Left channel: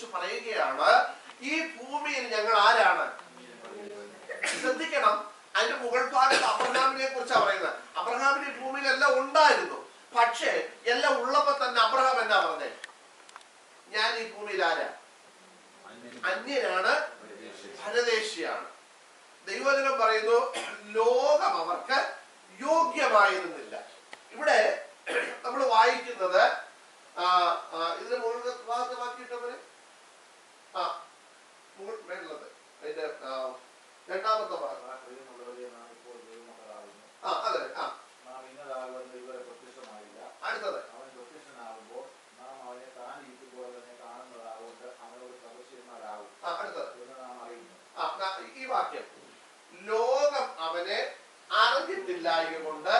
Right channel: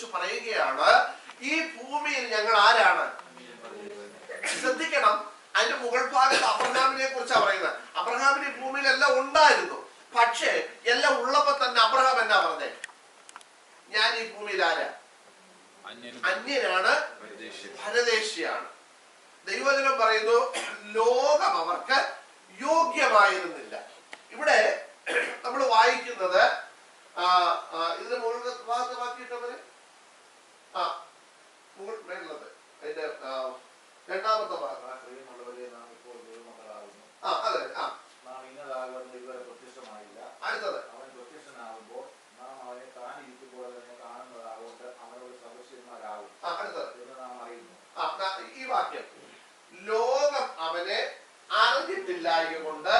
കുറിച്ച് പറയുകയാണ്, ഈ ഭൂമിയിൽ ഞങ്ങൾ ആരാണ്? ശ്രദ്ധിക്കണം, അതിന്റെ മുകൾ ഭാഗത്ത് അബ്രഹാമിനെ കുറിച്ചാണ് പറയുന്നത്. അബ്രഹാമിന് ഈ ഭൂമിയിൽ എല്ലാം ഉണ്ടായിരുന്നു. പക്ഷേ എല്ലാം ഉള്ളപ്പോ തന്നെ അബ്രഹാം എന്നാ പറഞ്ഞേ? ഞാൻ ഈ ഭൂമിയിൽ ആരാ? അന്യനാണ്, പരദേശിയാണ്. ദൈവവചനം പറയുന്നു, ലോകം അവർക്ക് യോഗ്യമായിരുന്നില്ല. ഇവിടെ നമ്മൾ വായിക്കുന്നത് ഇതിന്റെ മുകളിൽ ഭാഗത്ത് വാക്കിയിട്ടവര് മേലുള്ളത് അതിന്റെ രണ്ടാമത്തെ ഭാഗം. അതെ, അടുത്തത് ഈ വാക്യം, ലോകം അവനെ അറിഞ്ഞിട്ടില്ലായ കൊണ്ട്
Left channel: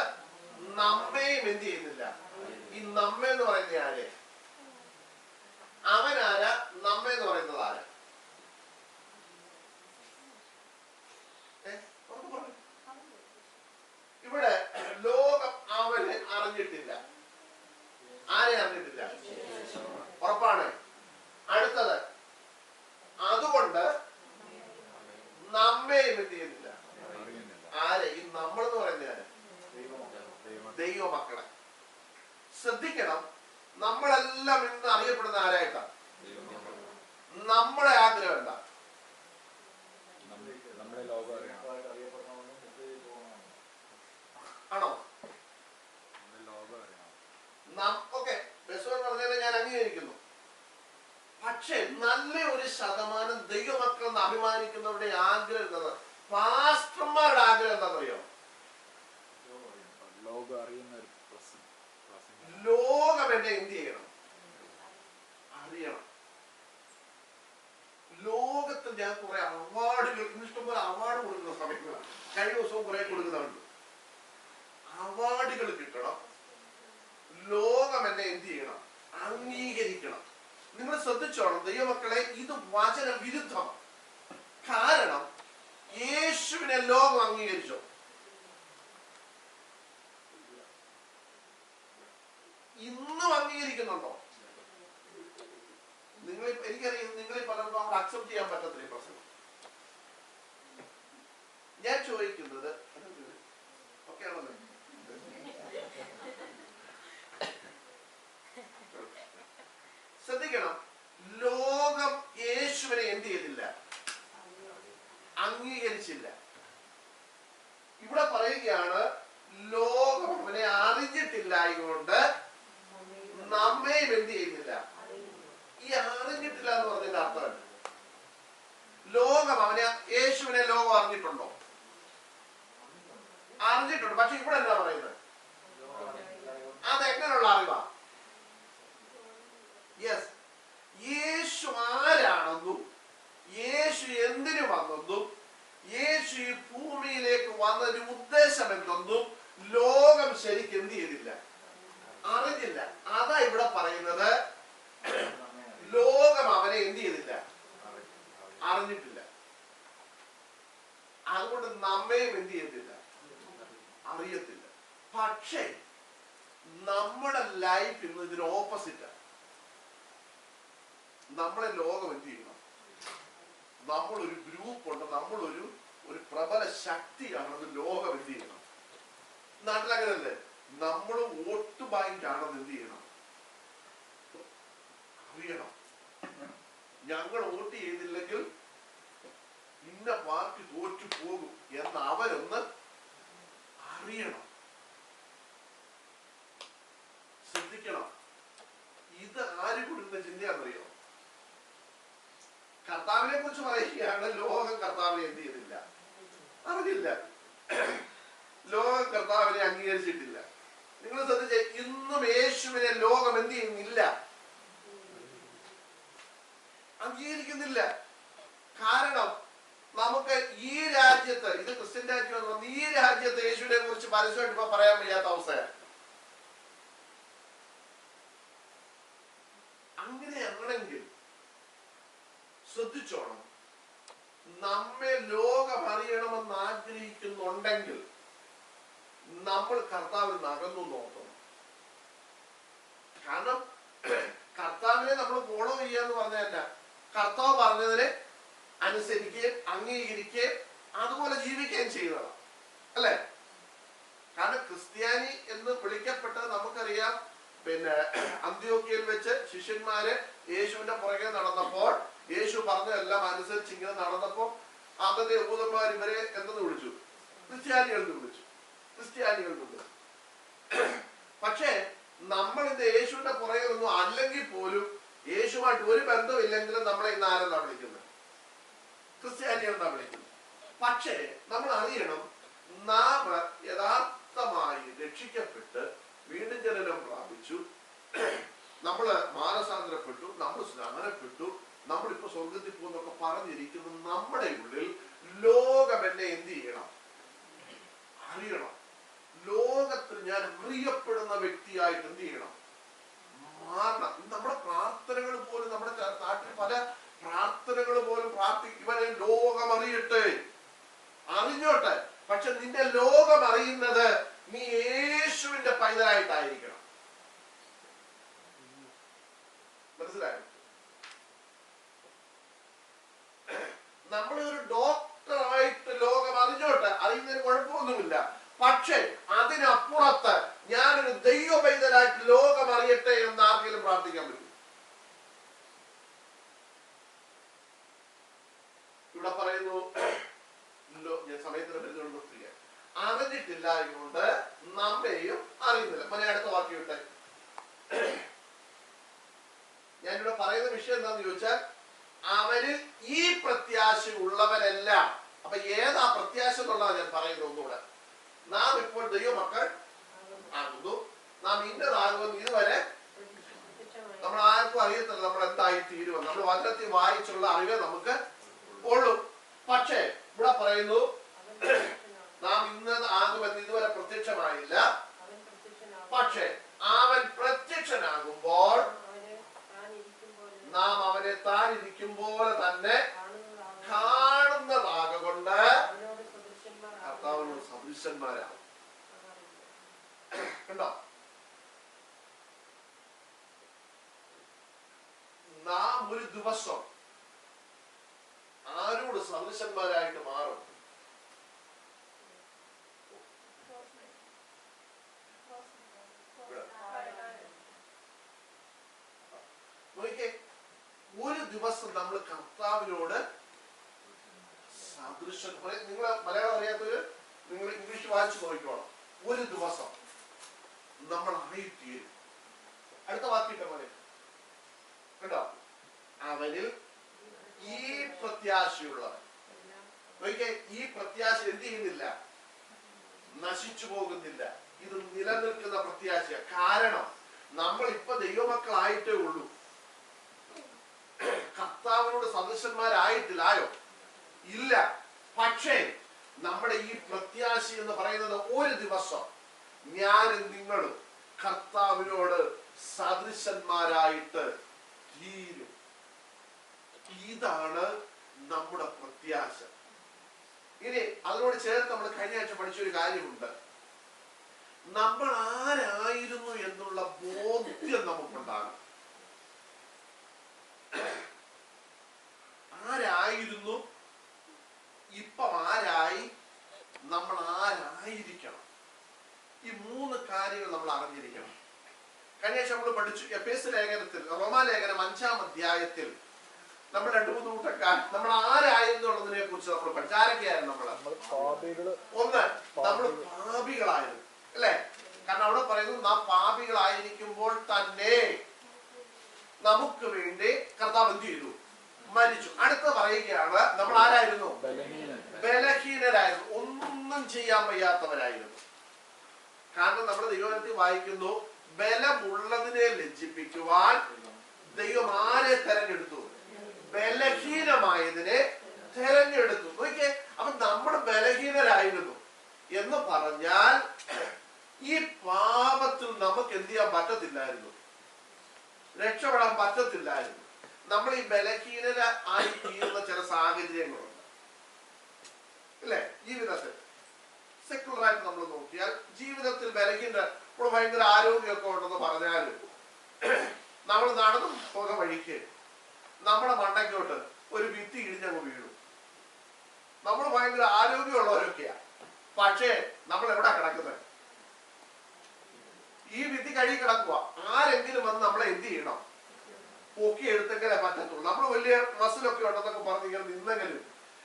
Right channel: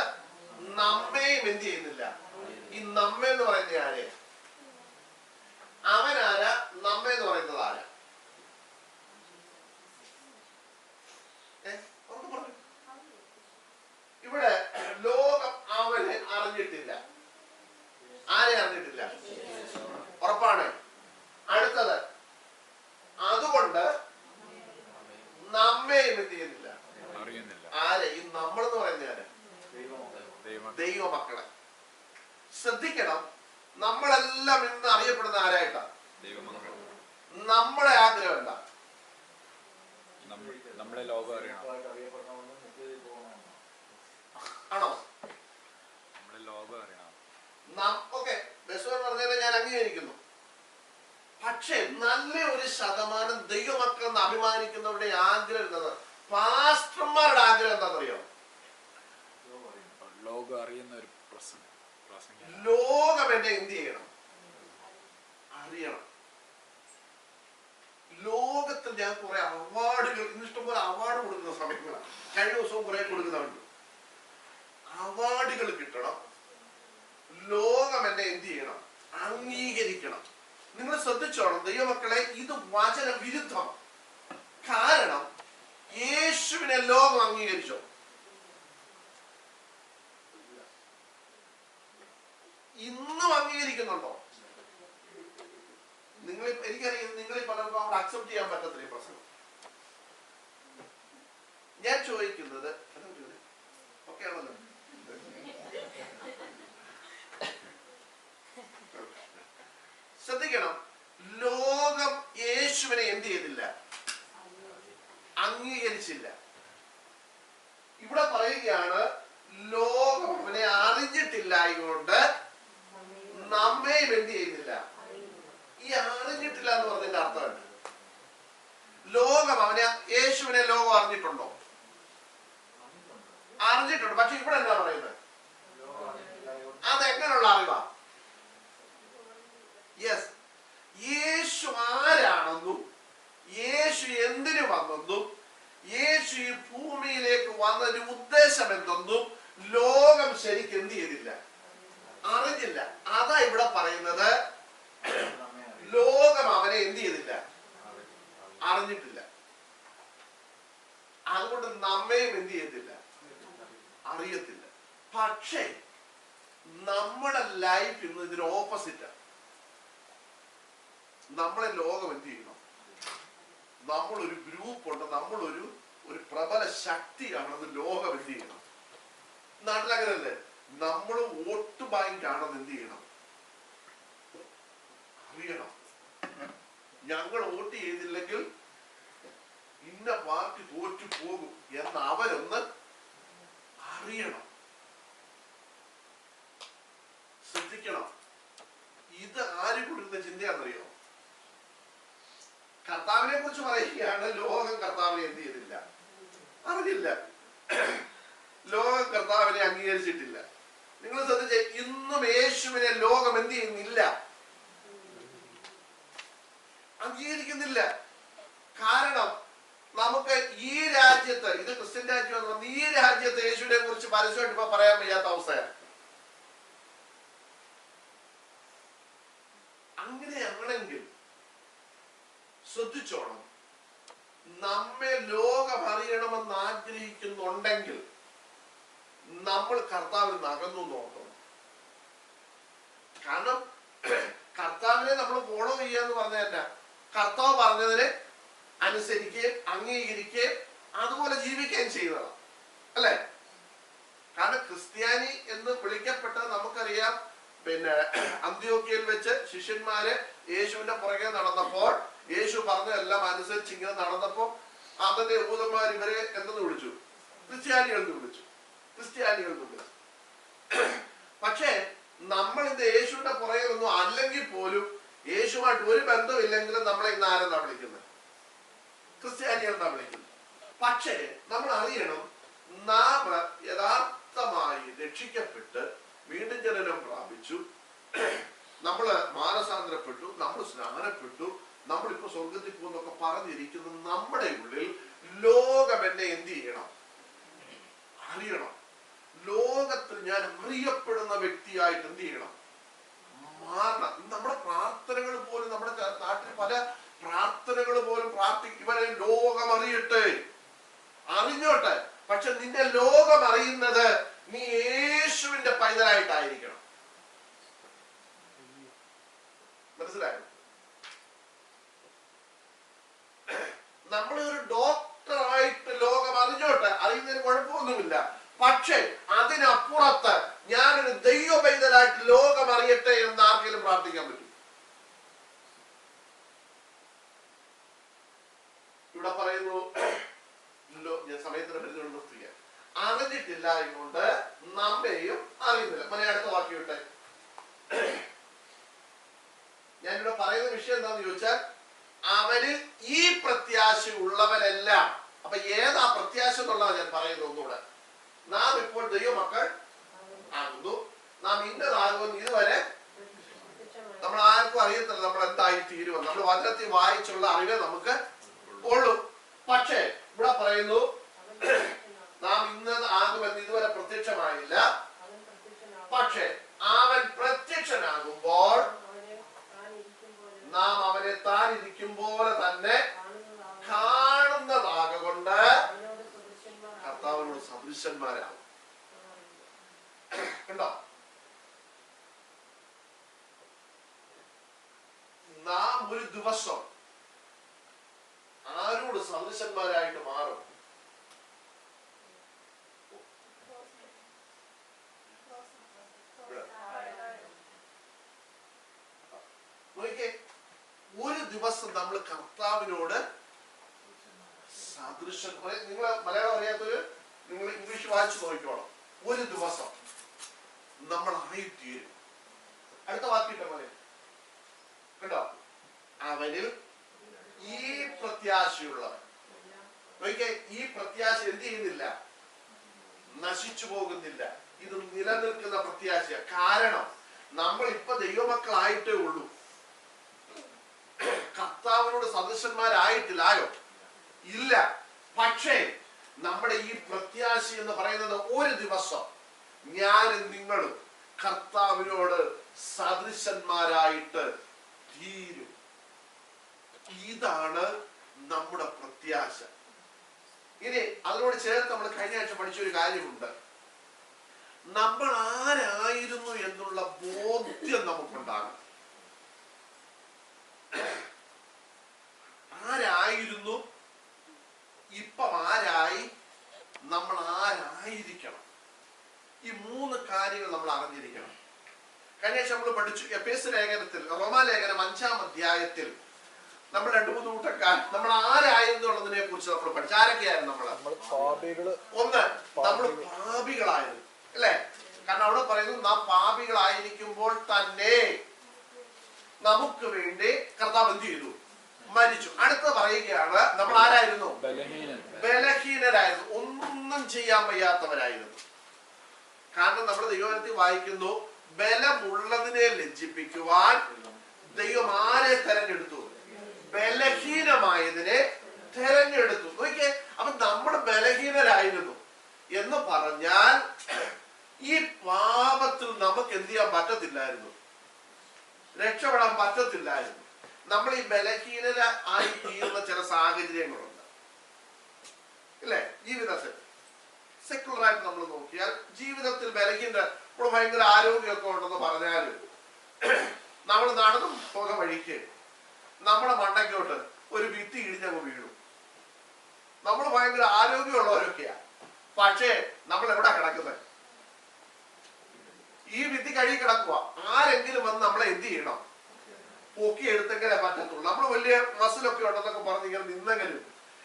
നമ്മയും എന്ത് ചെയ്യുന്നില്ല. ഈ നമ്മ എന്ന് പറയുന്നത് ആരെ? അവനാരാ? നമ്മ എന്ന് പറയുന്നത് ആരാ? ഇവിടെ ലോകം അവനെ അറിഞ്ഞിട്ടില്ല. ആരെ അറിഞ്ഞിട്ടില്ല? ഉറപ്പാണ്. അടുത്തത്, അതുകൊണ്ട് നമ്മയും എന്ത് ചെയ്യുന്നില്ല. ആരെ? ഈ നമ്മളെന്ന് പറയുന്ന ആര്? ദൈവമക്കളെ. ശ്രദ്ധിക്കണം, നമ്മളെല്ലാം ഇന്ന് അറിയപ്പെടുന്ന ആരായിട്ടാ? നമ്മുടെ ആഗ്രഹം എന്താ? നമ്മളെ ലോകം അറിയണം ആണോ? ഓക്കെ, ബെസ്റ്റ് പറഞ്ഞാൽ ഞാൻ അംഗീകരിക്കുന്നു. പക്ഷെ നല്ല ഒരു ശതമാനം ദൈവമക്കൾ അഭിമാനിക്കുന്നവരുടെ ആഗ്രഹം എന്താണ്? പാസ്റ്റർമാരുടെ ആഗ്രഹം എന്താണെന്നറിയോ? ലോകം അറിയുന്ന ഒരു ലോകം എന്നെ എന്ത് ചെയ്യണം? അറിയണം. ലോകത്തിൽ ഞാൻ കുറെ അവാർഡുകൾ, ഇന്നിഷ്ടംപോലെ അവാർഡ് കൊടുക്കുന്ന സമയങ്ങളാണ്. കഴിഞ്ഞ ദിവസവും കുറെ കൊടുക്കുന്നുണ്ട്. അവാർഡുകൾ കിട്ടണം, ലോകം എന്നെ എന്ത് ചെയ്യണം? അംഗീകരിക്കണം. നിങ്ങൾ ശ്രദ്ധിച്ചോണം ദൈവമക്കളെ, ഇത് വചന വിരുദ്ധം. കാരണം യേശുവിനെ ലോകം അംഗീകരിച്ചോ? ഇന്നും അംഗീകരിക്കുന്നുണ്ടോ? എനിക്കറിയാം നിങ്ങളീ പലർക്കും അവിടെ അക്സെപ്റ്റ് ചെയ്യാൻ പറ്റത്തില്ല ഈ പ്രസംഗം. ഞാൻ ചോദിക്കുന്നത് ഓക്കെ ആണല്ലോ, ശ്രദ്ധിക്കണം, ലോകം യേശുവിനെ എന്ത് ചെയ്തില്ല? അംഗീകരിച്ചില്ല. ഇവിടെ പറയുകയാണ്, ലോകം അവനെ അറിഞ്ഞിട്ടില്ലായതുകൊണ്ട് നമ്മയും എന്ത് ചെയ്യുന്നില്ല. ഈ അറിഞ്ഞിട്ടില്ല എന്ന് പറഞ്ഞതിന്റെ അർത്ഥം, ലോകം അവനെ, യേശുവിനെ ലോകം അറിഞ്ഞിട്ടുണ്ടോ? അറിഞ്ഞിട്ടുണ്ട്. പക്ഷെ ഇവിടെ എന്താ പറയുന്നത്? അതെങ്ങനെയുള്ള അറിവാ? യെസ്, യേശു ആരാണെന്നും യേശു എന്തിനു വന്നെന്നും യേശു ഈ ഭൂമിയിലേക്ക് വന്നതിന്റെ ഉദ്ദേശം എന്തെന്നും ലോകം ശരിക്കും എന്ത് ചെയ്തില്ല? അറിഞ്ഞില്ല. അതാ ഇവിടെ പറയുന്നത്, ലോകം അവനെ എന്ത് ചെയ്തില്ല? അറിഞ്ഞിട്ടില്ല. അതുകൊണ്ട് നമ്മയും എന്ത് ചെയ്യത്തില്ല? അറിയത്തില്ല. പക്ഷേ നമ്മുടെ ലൈഫ് ഇന്ന് ഇതിന് ഓപ്പോസിറ്റാണ്. നമ്മളെ ലോകം എന്ത് ചെയ്യണം? നമ്മളൊരു ഗ്രൂപ്പുണ്ട്, നമ്മളൊരു പ്രബല ശക്തിയാണെന്ന് ലോകം എന്ത് ചെയ്യണം? നാട്ടിലങ്ങനല്ലേ? നമ്മൾ വോട്ട് ബാങ്ക് ആണെന്ന് എന്ത് ചെയ്യണം? അറിയണം. ഞങ്ങൾ വോട്ട് ചെയ്തില്ലെങ്കിൽ ഇന്ന പാർട്ടി തോറ്റു പോകും എന്ന് അവരൊന്ന് അറിയണം. ശ്രദ്ധിക്കണം, ഇത് ആര് കൊടുക്കുന്ന ചിന്തയാണെന്നറിയോ? കർത്താവിനെ കുറിച്ച് പറയുകയാണ്, ലോകം കർത്താവിനെ എന്ത് ചെയ്തില്ല? അറിഞ്ഞില്ല. ലോകം കർത്താവിനെ അംഗീകരിച്ചിട്ടില്ല. നിങ്ങൾ ശ്രദ്ധിച്ച, ഇന്നും യേശുവിനെ ലോകം എന്ത് ചെയ്യുന്നില്ല? അംഗീകരിക്കുന്നില്ല. കാരണം നമുക്ക് ഈ രാജ്യത്ത്, ഇത് ക്രിസ്ത്യൻ രാജ്യം, ഈ രാജ്യത്ത് യേശുവിനെ കുറിച്ച് പരസ്യമായിട്ട് ഇപ്പൊ പറയാൻ വയ്യാത്ത അവസ്ഥയാണ്. അങ്ങനെയാണെങ്കിൽ ശ്രദ്ധിച്ചോണം, നമ്മെ ലോകം അറിയണമെന്ന് ആഗ്രഹിക്കുന്നുണ്ടെങ്കിൽ നമ്മൾ കർത്താവിൽ നിന്ന് അകന്നു നോക്കണം. കാരണം കർത്താവിനെ നമ്മൾ ഫോളോ ചെയ്യാന്ന് പറഞ്ഞല്ല, കർത്താവ് പറഞ്ഞതിനെ അനുസരിക്കുകയും അംഗീകരിക്കുകയും അതുപോലെ ജീവിക്കുകയും ചെയ്യുന്നതാണ്, അല്ലെ? കാരണം ക്രിസ്ത്യാനി എന്ന് വിളിക്കപ്പെട്ടത് നമുക്കറിയാം. പിന്നെ അന്ത്യോക്യയിൽ വെച്ച് ശിഷ്യന്മാര് യേശുവിന്റെ പുറകെ നടന്നപ്പോൾ, യേശു പറഞ്ഞതെല്ലാം അനുസരിച്ച് ഇങ്ങനെ നടന്നപ്പോൾ അവന്റെ യഹൂദന്മാർ ഇവരെ എന്തെന്ന് വിളിച്ചു? ക്രിസ്ത്യാനികൾ എന്ന് വിളിച്ചു. പക്ഷേ നമ്മൾ ഇന്ന് യേശുവിന്റെ പുറകെയൊന്നും അല്ലെങ്കിൽ പോലും, യേശുവായിട്ട് ഒരു ബന്ധമില്ലെങ്കിലും നമ്മളെ ഇന്ന് ആരെന്നാ വിളിക്കുന്നത്? ക്രിസ്ത്യാനികൾ എന്നാ വിളിക്കുന്നത്. പക്ഷേ നമ്മൾ അറിയണം, നാം യഥാർത്ഥമായി രക്ഷിക്കപ്പെട്ട് വീണ്ടും ജനനം പ്രാപിച്ചു, നമ്മള് മാനസാന്തരപ്പെട്ടു, നമ്മൾ സ്നാനപ്പെട്ടു, നമ്മളിപ്പോ സ്വർഗത്തിൽ പോകുന്നൊക്കെ പറഞ്ഞിരിക്കുന്ന നമ്മുടെ ഉള്ളിൽ ലോകം എന്നെ എന്ത് ചെയ്യണം? അറിയണം. ലോകത്തിൽ ഞാൻ അറിയപ്പെടുന്ന വ്യക്തിയായിട്ട് എന്ത് ചെയ്യണം? മാറണം. നമ്മുടെ പ്രാർത്ഥനകൾ പോലും, നമ്മുടെ നാട്ടിൽ പല പ്രാർത്ഥനകൾ പോലും ഇവരെ ലോകം അറിയട്ടെ, അറിഞ്ഞോട്ടെ. പക്ഷെ നിന്റെ ലോകം അറിയുന്നത് നീ യേശുവിന്റെ പൈതലായിട്ടായിരിക്കണം. മനസ്സിലായോ? നമ്മളെ ഒരു ഡോക്ടറായിട്ട് ലോകം അറിഞ്ഞോട്ടെ, അറിയുന്നതിന് കുഴപ്പമൊന്നുമില്ല. പക്ഷെ അതിനപ്പുറത്ത് ഞാനൊരു ദൈവ പൈതലായിട്ട് ലോകം അറിയട്ടെ എന്ന് ആർക്കെങ്കിലും പ്രാർത്ഥിക്കാൻ പറ്റും? ഇവിടെ പറയുന്നു, ഞാൻ സമയത്തിന് പരിധികൊണ്ട് നിർത്തുക, അറിഞ്ഞിട്ടില്ല എന്നുകൊണ്ട് നമ്മെയും അറിയുന്നില്ല. അടുത്ത വാക്യം വിട്ടെ. ഞാനിവിടെ പറയുന്ന വിഷയം എന്താന്ന് ചോദിച്ചാൽ, അവരിൽ ഈ പ്രത്യാശ ഉള്ളവരെല്ലാം. അപ്പൊ ഏതാ പ്രത്യാശ എന്നുള്ളതാണ് ഞാൻ പറയുന്നത്. ഒന്നുകൂടെ, നാം ഇപ്പോൾ ദൈവമക്കൾ ആകുന്നു, നാം ഇന്നതാകുമെന്ന് ഇതുവരെ നമ്മൾ ആർക്കും അറിയത്തില്ല നമ്മൾ എന്തായി തീരുമെന്ന്. നമ്മൾ വചനത്തിൽ വായിച്ചുള്ള അറിവേ നമുക്ക് ഉള്ളൂ. പക്ഷേ ഇവിടെ പറയുന്നു, നാം ഇന്നത് ആകുമെന്ന് ഇതുവരെ പ്രത്യക്ഷമായില്ല, പക്ഷെ അവൻ പ്രത്യക്ഷനാകുമ്പോൾ നാം അവനെ താൻ ഇരിക്കും പോലെ തന്നെ കാണുന്നതാകൊണ്ട് കർത്താവിനോട് സദൃശന്മാരാകും. കണ്ടോ? നാം ഒരു ദിവസം ആരോട് സദൃശന്മാരായിട്ട് മാറും? ഒരു ദിവസം നമ്മൾ കർത്താവിനോട് സദൃശൻ. നിങ്ങൾ മലയാളം അറിയാത്തവര് നിങ്ങൾ ഇംഗ്ലീഷ് വായിച്ചു നോക്കിക്കോണം. ഒരു ദിവസം നമ്മൾ ആയിത്തീരും. അടുത്ത വാക്കിട്ട പോലെ കേട്ടോ, അവനിൽ ഈ പ്രത്യാശയുള്ളവൻ. ഈ പ്രത്യാശ എന്ത് ചെയ്യുന്നില്ല? നശിച്ചു പോകുന്നില്ല. ഇത് നിലനിൽക്കുന്ന പ്രത്യാശ. കാരണം നമ്മൾ ഇപ്പൊ ദൈവമക്കളായിട്ടേ ഉള്ളൂ, കർത്താവിനോട് സദൃശന്മാരായിട്ടില്ലായോ? ഇല്ല. പക്ഷേ നമ്മുടെ ഈ പ്രത്യാശ എന്ന് പറയുന്നത് ഒരു ദിവസം ഞാനും നിങ്ങളും കർത്താവിനോട് സദൃശന്മാരായിട്ട് തീരും. ഇതാണ് നമ്മുടെ പ്രത്യാശ. ഇനി അതിനോട് ചേർത്ത് നമ്മൾ കഴിഞ്ഞ ആഴ്ച പഠിച്ചൊരു കാര്യമുണ്ട്. നമ്മൾ ആരായിരുന്നു എന്നുള്ള ബോധ്യം നമുക്കുണ്ടാകും. ആരായിരുന്നു, ഇപ്പം ആരായി, നമ്മൾ ആരായിരിക്കണം. ഈ മൂന്ന് കാര്യങ്ങൾ നമ്മൾ അറിഞ്ഞിരിക്കണം. കഴിഞ്ഞ ആഴ്ച നമ്മൾ പഠിച്ചു എഫേസ്യ ലേഖനത്തിൽ, റോമാലേഖനം 5-ാം അധ്യായത്തിൽ നമ്മൾ 2-3 കൂട്ടക്കാർ നമ്മൾ ആരായിരുന്നുള്ളതിനെ കുറിച്ച് നമ്മൾ പഠിച്ചു. ആരൊക്കെയായിരുന്നു നമ്മൾ? ഒന്ന്, നമ്മൾ പാപികളായിരുന്നു, അല്ലെ? കാരണം അവിടെ പറയുന്നു, നാം പാപികളായിരിക്കുമ്പോൾ തന്നെ നമുക്ക് വേണ്ടി കർത്താവ് എന്ത് ചെയ്തു? മരിച്ചു. അടുത്ത പറയുകയാണ്, നമ്മൾ ആരായിരുന്നു? ബലഹീനരായിരുന്നു, ഒന്നും ചെയ്യാൻ വയ്യാത്തവരായിരുന്നു. കാരണം നമ്മൾ ദൈവത്തിൽ വായിക്കുന്നു, ബലമുള്ളതിനെ ലജ്ജിപ്പിക്കുവാൻ ദൈവം ആരെ തെരഞ്ഞെടുത്തു? ബലഹീനമായതിനെ തെരഞ്ഞെടുത്തു. നോക്കിയേ, അപ്പൊ നമ്മൾ ബലഹീനരായിരുന്നു എന്ന് പറഞ്ഞാൽ ഈ പാപത്തിൽ നമുക്ക് എന്ത് ചെയ്യാൻ പറ്റത്തില്ലായിരുന്നു, രക്ഷപ്പെടാൻ പറ്റത്തില്ലായിരുന്നു. നമ്മൾ ഈ ബലഹീനരായി തീരുന്ന ചില സാഹചര്യങ്ങളുണ്ട്, ഇല്ലേ? ജീവിതത്തിൽ സെക്കുലറായിട്ട് നമ്മൾ നോക്കിയാൽ ജീവിതത്തിൽ ബലഹീന, ഇപ്പോൾ ഭയങ്കര ആരോഗ്യമൊക്കെ ഉണ്ടെന്ന് പറഞ്ഞാലും നമ്മൾ നടന്നു പോകുന്ന വഴിക്ക് നമ്മുടെ മണ്ടയ്ക്കോട്ട് ഒരു ഭിത്തി ഇടിഞ്ഞങ്ങ് വീണു. നമ്മൾ ഭയങ്കര ആരോഗ്യമുള്ളവരൊക്കെയാ, പക്ഷേ നമ്മൾ എവിടെ കിടക്കുന്നത്? ഈ ഭിത്തി കഴുകി കിടക്കുക. ആരെങ്കിലും വന്ന് നമ്മളെ എന്ത് ചെയ്യണം? പൊക്കി എടുത്തെങ്കിലേ പറ്റത്തുള്ളൂ. നമ്മൾ വലിയ മസിലൊക്കെ ഉണ്ടെന്നൊക്കെ പറഞ്ഞ് ഇങ്ങനെ നിന്നെങ്കിലും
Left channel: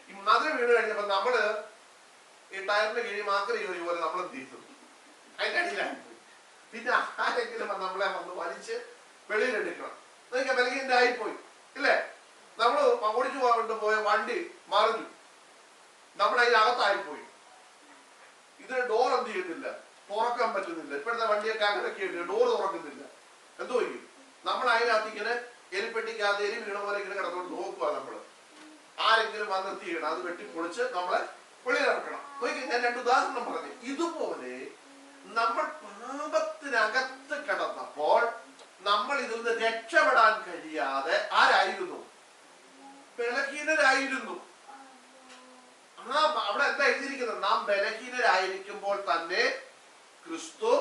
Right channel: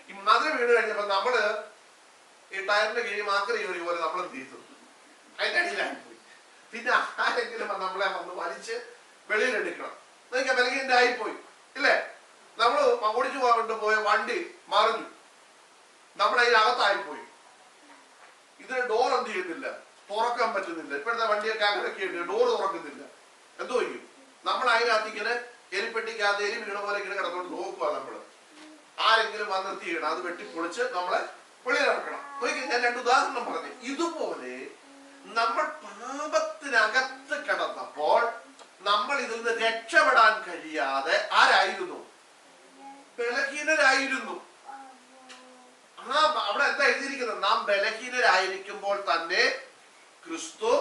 ഈ മതിൽ വീണ് കഴിഞ്ഞപ്പോ നമ്മള് ഈ ടയറിന്റെ കിഴി മാക്കറി കയറി പോലെ നമ്മൾ എന്ത് ചെയ്തു? അതിന്റെ അടിയിലായി പോയി. പിന്നെ ആരെങ്കിലും നമ്മളെ വന്ന് വലിച്ച് വെളിയിലെടുക്കണം. നിങ്ങൾക്ക് ബലഹീനന്റെ ആയിപ്പോയി ഇല്ലേ? നമ്മള് ഓടിച്ചു പോയ വണ്ടി മറിഞ്ഞു, നമ്മൾ അതിനകത്തായിപ്പോയി. ഇതിന് ഡോർ എന്ത് ചെയ്യുന്നില്ല, തുറക്കാൻ പറ്റുന്നില്ല. ഇപ്പോഴത്തെ വണ്ടിയൊക്കെ അങ്ങനെയൊക്കെ ഉണ്ട്, ഡോർ തുറക്കുന്നില്ല. എന്തോ ചെയ്യും? നമ്മൾ അതിനകത്ത് ഇങ്ങനെ എലിപ്പെട്ടിക്കകത്ത് എലി വീണ പോലെ ഇങ്ങനെ കിടന്നുകൊണ്ട് നോക്കുക. നമ്മള് ആരെങ്കിലും വന്നെത്തി ചെയ്യണം, അത് വെട്ടിപ്പൊളിച്ച് നമ്മളെ വെളിയിലിറക്കണം. ഞാൻ 2 ഉദാഹരണം പറഞ്ഞു. ഇതുപോലെ നമ്മൾ പാപത്തിനകത്ത് കിടന്നപ്പോൾ നമ്മൾ ഇതിൽ നിന്ന് രക്ഷപ്പെടാൻ കഴിയാതെ ആരായിരുന്നു? ബലഹീനരായിരുന്നു. അവിടെ എന്താ എഴുതിയിരിക്കുന്നത്? നാം ബലഹീനരായിരിക്കുമ്പോൾ തന്നെ ക്രിസ്തു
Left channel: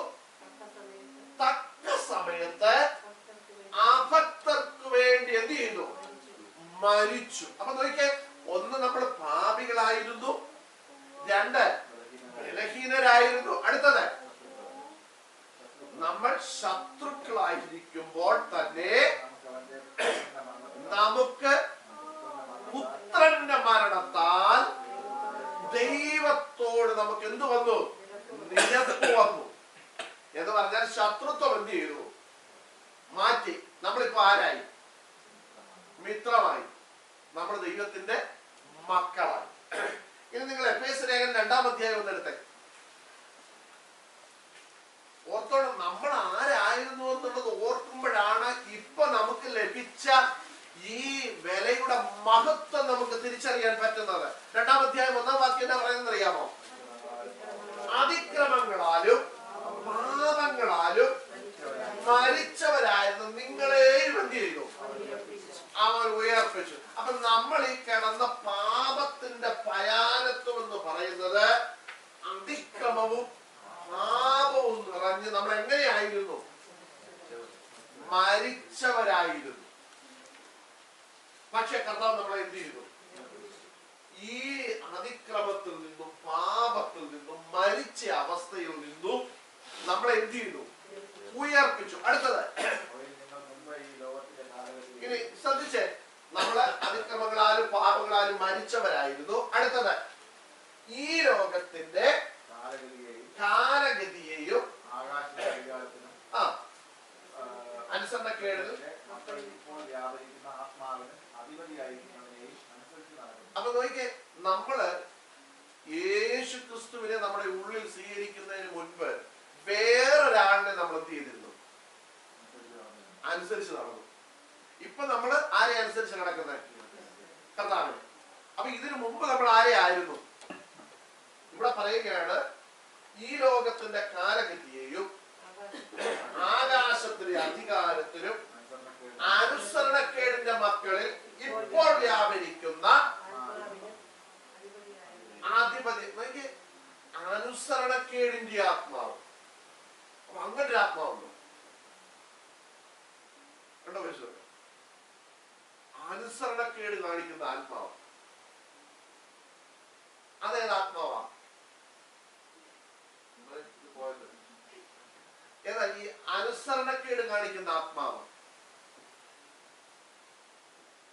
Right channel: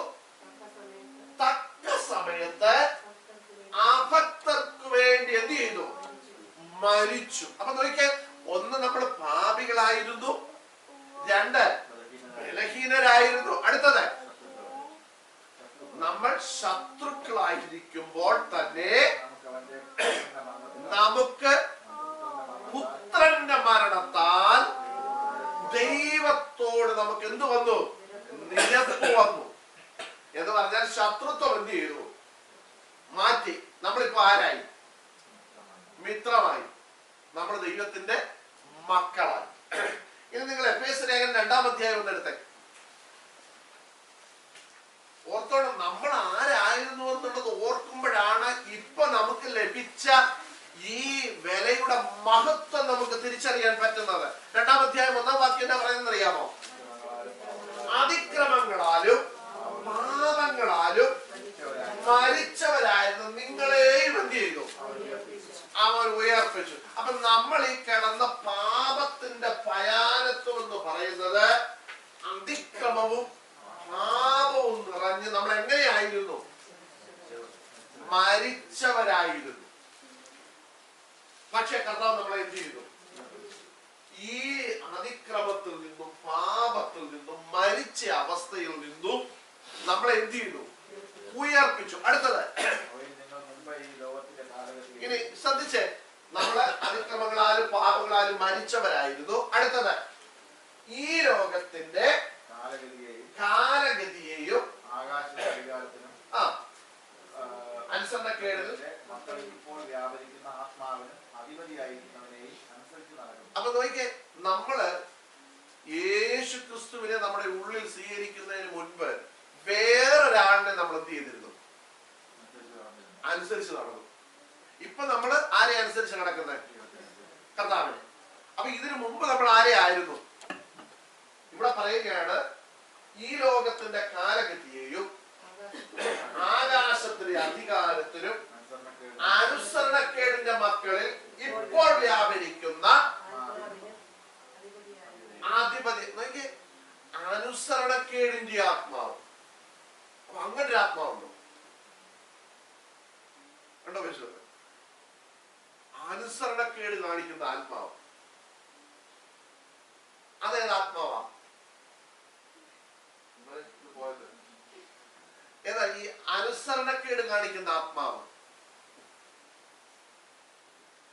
തക്ക സമയത്ത് അഭക്തർക്ക് വേണ്ടി എന്ത് ചെയ്തു? മരിച്ചു. അപ്പൊ നോക്കിയേ, ഒന്ന് നമ്മൾ പാപികളായിരുന്നു, 2 ബലഹീനരായിരുന്നു, അടുത്തത് നമ്മൾ ശത്രുക്കളായിരിക്കുമ്പോൾ തന്നെ നമുക്ക് പുത്രന്റെ മരണത്താൽ ദൈവത്തോട് നമുക്ക് എന്ത് വന്നു? നിരപ്പ് വന്നു. എന്ന് പറഞ്ഞാൽ ശത്രുത്വം എന്ത് ചെയ്തു? മാറ്റി. നമ്മളിപ്പോ ആരായി? മിത്രമായി. നമ്മൾ ദൈവത്തിന്റെ മക്കളായി. ഇനി നിങ്ങൾ എഫേസ്യ ലേഖനം 2-ാം അധ്യായം ഒന്ന് എടുത്തേ. ഓർത്തോണം, നമ്മൾ ആരായിരുന്നു എന്നുള്ളത് ഓർക്കുമ്പോഴാണ് ഇപ്പൊ നമുക്ക് ലഭിച്ച ഈ വിലയുടെ മഹത്വം നമുക്ക് തിരിച്ചറിയാൻ പറ്റുന്നത്. 2-ാം അധ്യായം 1-ാം വാക്യം എന്താ പറയുന്നത് അറിയാമോ? അതിക്രമങ്ങളാലും പാപങ്ങളാലും മരിച്ചവരായിരുന്നു നിങ്ങളെയും എന്ത് ചെയ്തു? അവൻ ഉയർപ്പിച്ചു. അപ്പൊ നമ്മൾ ഈ കിടന്ന പാപത്തിന്റെ ഭയാനത്വം എന്ന് പറയുന്നത് അതിക്രമവും പാപവും നിറഞ്ഞ് നമ്മൾ എങ്ങനെയായിരുന്നു? മരിച്ചവരായിരുന്നു. പക്ഷെ കർത്താവ് നമ്മളെ എന്ത് ചെയ്തു? ഈ അതിക്രമത്തിൽ നിന്നും പാപത്തിൽ നിന്നും മരിച്ച അവസ്ഥയിൽ നിന്നും നമ്മളെ എന്ത് ചെയ്തു? ഉയർപ്പിച്ചു. അടുത്തത് ഇനി ശ്രദ്ധിച്ചേ, നമ്മള് അതിക്രമങ്ങളാലും പാപങ്ങളാലും മരിച്ചവരായിരുന്നു. അടുത്തത് ഈ ലോകത്തിന്റെ കാലഗതിയെയും അനുസരണക്കേടിൽ അപ്പൊ നോക്കിയേ, നമ്മള് യേശു ക്രിസ്തുവിനെ നമ്മുടെ ഉള്ളിൽ സ്വീകരിക്കുന്നതിന് മുൻപ് വേറൊരാളിനെ നമ്മൾ എന്ത് ചെയ്തിരുന്നു? അനുസരിച്ച് നടന്നു. ഇപ്പൊ നമ്മള് ആരെ അനുസരിച്ച് നടക്കുന്നത്? കർത്താവിനെ. അപ്പൊ ഇതിനു മുമ്പ് നമ്മൾ ആരെ ആയിരുന്നു? ഇവിടെ പറയുകയാണ്, ഈ ലോകത്തിന്റെ കാലഗതിയെയും ആകാശത്തിലെ അധികാരത്തിലും അനുസരണക്കേടിന്റെ മക്കളിൽ ഇപ്പോൾ വ്യാപരിക്കുന്ന അധിപതി. നോക്കിയേ, അനുസരണക്കേടിന്റെ ആത്മാവ്. അപ്പൊ അങ്ങനെ ഒരു ആത്മാവുണ്ടോ? കണ്ടോ? വിശ്വത്തെ അനുസരണക്കേട് കാണിക്കുന്ന ആത്മാവ് അതേത് ആത്മാവാ? ഏതാ ഈ അനുസരണക്കേട് കാണിക്കുന്ന ആത്മാവ്?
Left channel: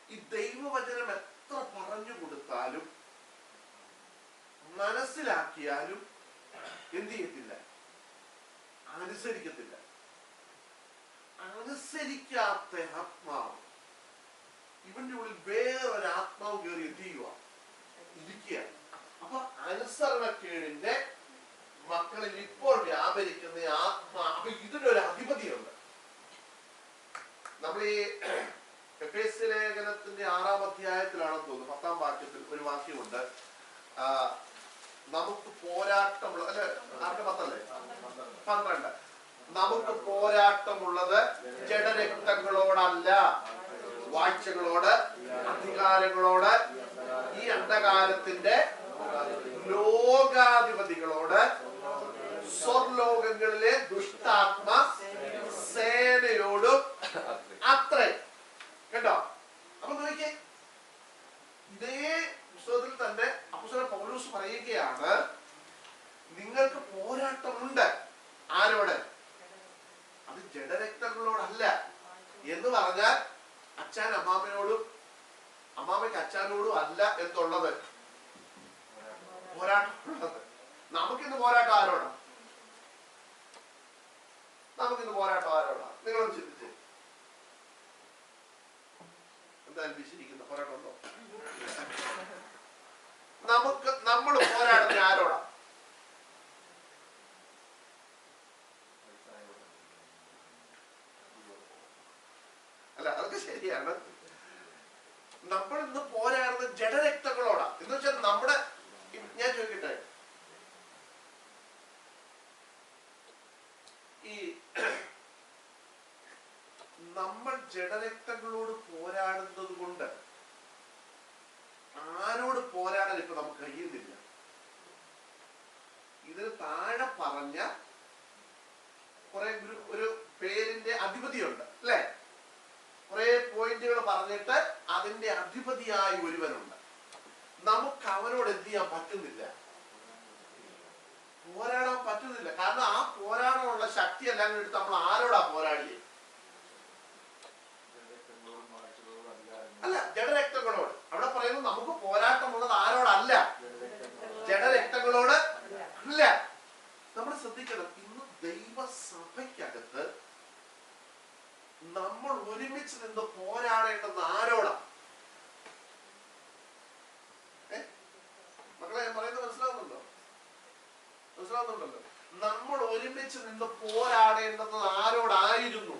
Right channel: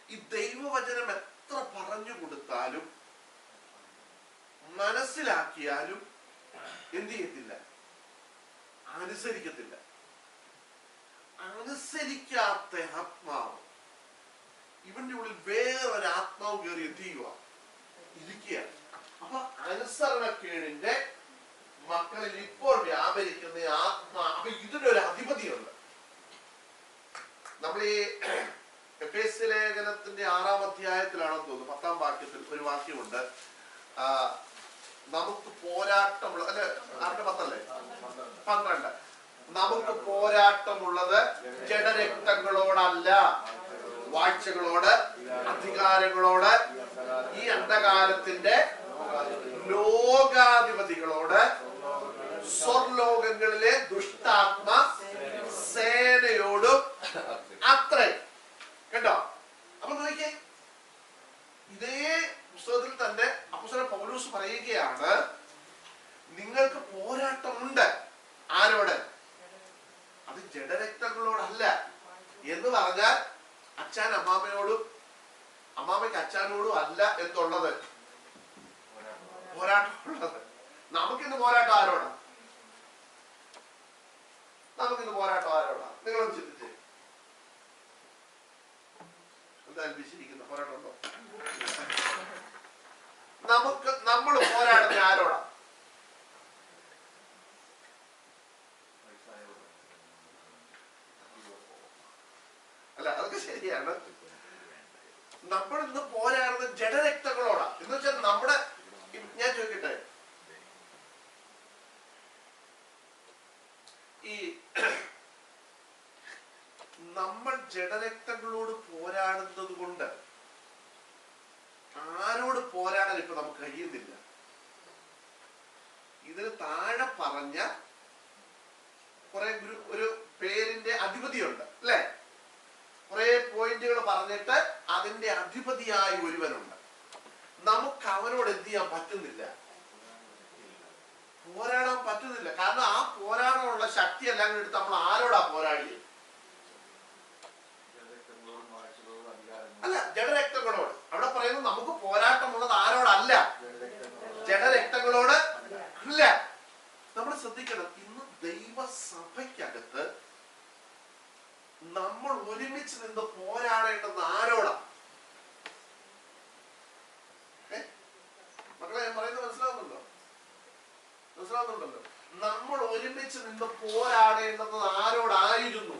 ഈ ദൈവവചനം എത്ര പറഞ്ഞു കൊടുത്താലും മനസ്സിലാക്കിയാലും എന്ത് ചെയ്യത്തില്ല? അനുസരിക്കത്തില്ല. അനുസരിക്കാത്ത ആത്മാവ്, ഇവന്റെ ഉള്ളിൽ വേറൊരു ആത്മാവ് കയറി എന്ത് ചെയ്യുക? ഇരിക്കുക. അപ്പൊ അനുസരണക്കേടിന്റെ മക്കളിൽ ഇപ്പോൾ വ്യാപരിക്കുന്ന ആത്മാ. അപ്പൊ ഇതിനൊരു അധിപതിയുണ്ട്. നമ്മൾ ഈ എഫേസ്യ ലേഖനത്തിന്റെ 6-ാം അധ്യായത്തിലാണെന്ന് തോന്നുന്നു, 10-ാം വാക്യത്തിൽ ഒരു വാക്യമുണ്ട്. നമുക്ക് പോരാട്ടമുള്ള, അല്ലെ 6-10 12. നമുക്ക് പോരാട്ടമുള്ളത് ജഡരക്തങ്ങളോടല്ല, വാഴ്ചകളോട്, അധികാരങ്ങളോട്, ഈ അന്ധകാരത്തിന്റെ ലോകാധിപതികളോട്, സ്വർലോകങ്ങളിലെ ദുഷ്ടാത്മ സേനയോടും അത്രേ. കേട്ടോ? അപ്പൊ നോക്കിയേ, ഇതേ പുസ്തകത്തിൽ തന്നെ അപ്പോസ്തലൻ പൗലോസ് പറയുകയാണ്, നിങ്ങൾക്ക് പോരാട്ടമുണ്ട്. ആരോട്? അത് ജഡരക്തങ്ങളോടല്ല. എന്ന് പറഞ്ഞാൽ അച്ഛൻ അമ്മാമ്മയോടും അമ്മാമ്മയ്ക്ക് അച്ഛനോടും അല്ല എന്നുള്ളത് പോരാട്ടമുള്ളത്. നമുക്കിന്ന് പോരാട്ടം ആരോടാ? നമുക്കിന്ന് പോരാട്ടം ആരോടാ? നിങ്ങളൊന്ന് ചിന്തിച്ചേ. എന്തായാലും വിശിരിക്കുന്ന പോരാട്ടം ഉണ്ടോ? നമ്മൾ പോരാടുന്ന ആരോടാ? അല്ല, അതൊക്കെ ശരിയാണ്. നമ്മൾ ഇന്ന് പോരാടുന്ന ജഡരക്തങ്ങളോടാ. എന്ന് വെച്ചാൽ നമ്മുടെ, ഞാൻ ചോദിക്കട്ടെ, ഈ നമ്മൾ ജഡരക്തങ്ങളോട് പോരാടുന്നത് കൊണ്ട് ആരോട് പോരാടാൻ ഇപ്പൊ നമുക്ക് കഴിയുന്നില്ല. ഇതിന് താഴെ പറഞ്ഞ കുറെ ഒരു പേരിന്റെ അധിപതിയുണ്ട് അല്ലെ? കുറെ പോയിന്റുകൾ പറഞ്ഞിട്ട് അതിന്റെ അധിപതിയായ ഒരുവനുണ്ട്. നമുക്ക് അവനോട് എന്ത് ചെയ്യാൻ പറ്റുന്നില്ല, പോരാടാൻ പറ്റുന്നില്ല. കാരണം ആ പോരാടാനുള്ള ശക്തി എല്ലാം എടുത്ത് നമ്മൾ ആരോടാ പോരാടിയേ? അല്ല, ജഡരക്തങ്ങളോട്. അവിടെ പറയുന്നത് നമുക്ക് പോരാട്ടമുള്ളത് ആരോടല്ല, ജഡരക്തങ്ങളോട് അല്ല. നമ്മൾ ശ്രദ്ധിക്കണം, ഇന്ന് ദൈവസഭയ്ക്കകത്ത് നമ്മൾ ഒരുമിച്ച് നിന്ന് പോരാടേണ്ടത് ആരോടാ? മക്കളെ, ഞാൻ പറയുന്നത് മനസ്സിലാവുന്നുണ്ടല്ലോ? നമ്മൾ ഒരുമിച്ച് നിന്ന് പോരാടേണ്ടത് ആരോടായിരുന്നു?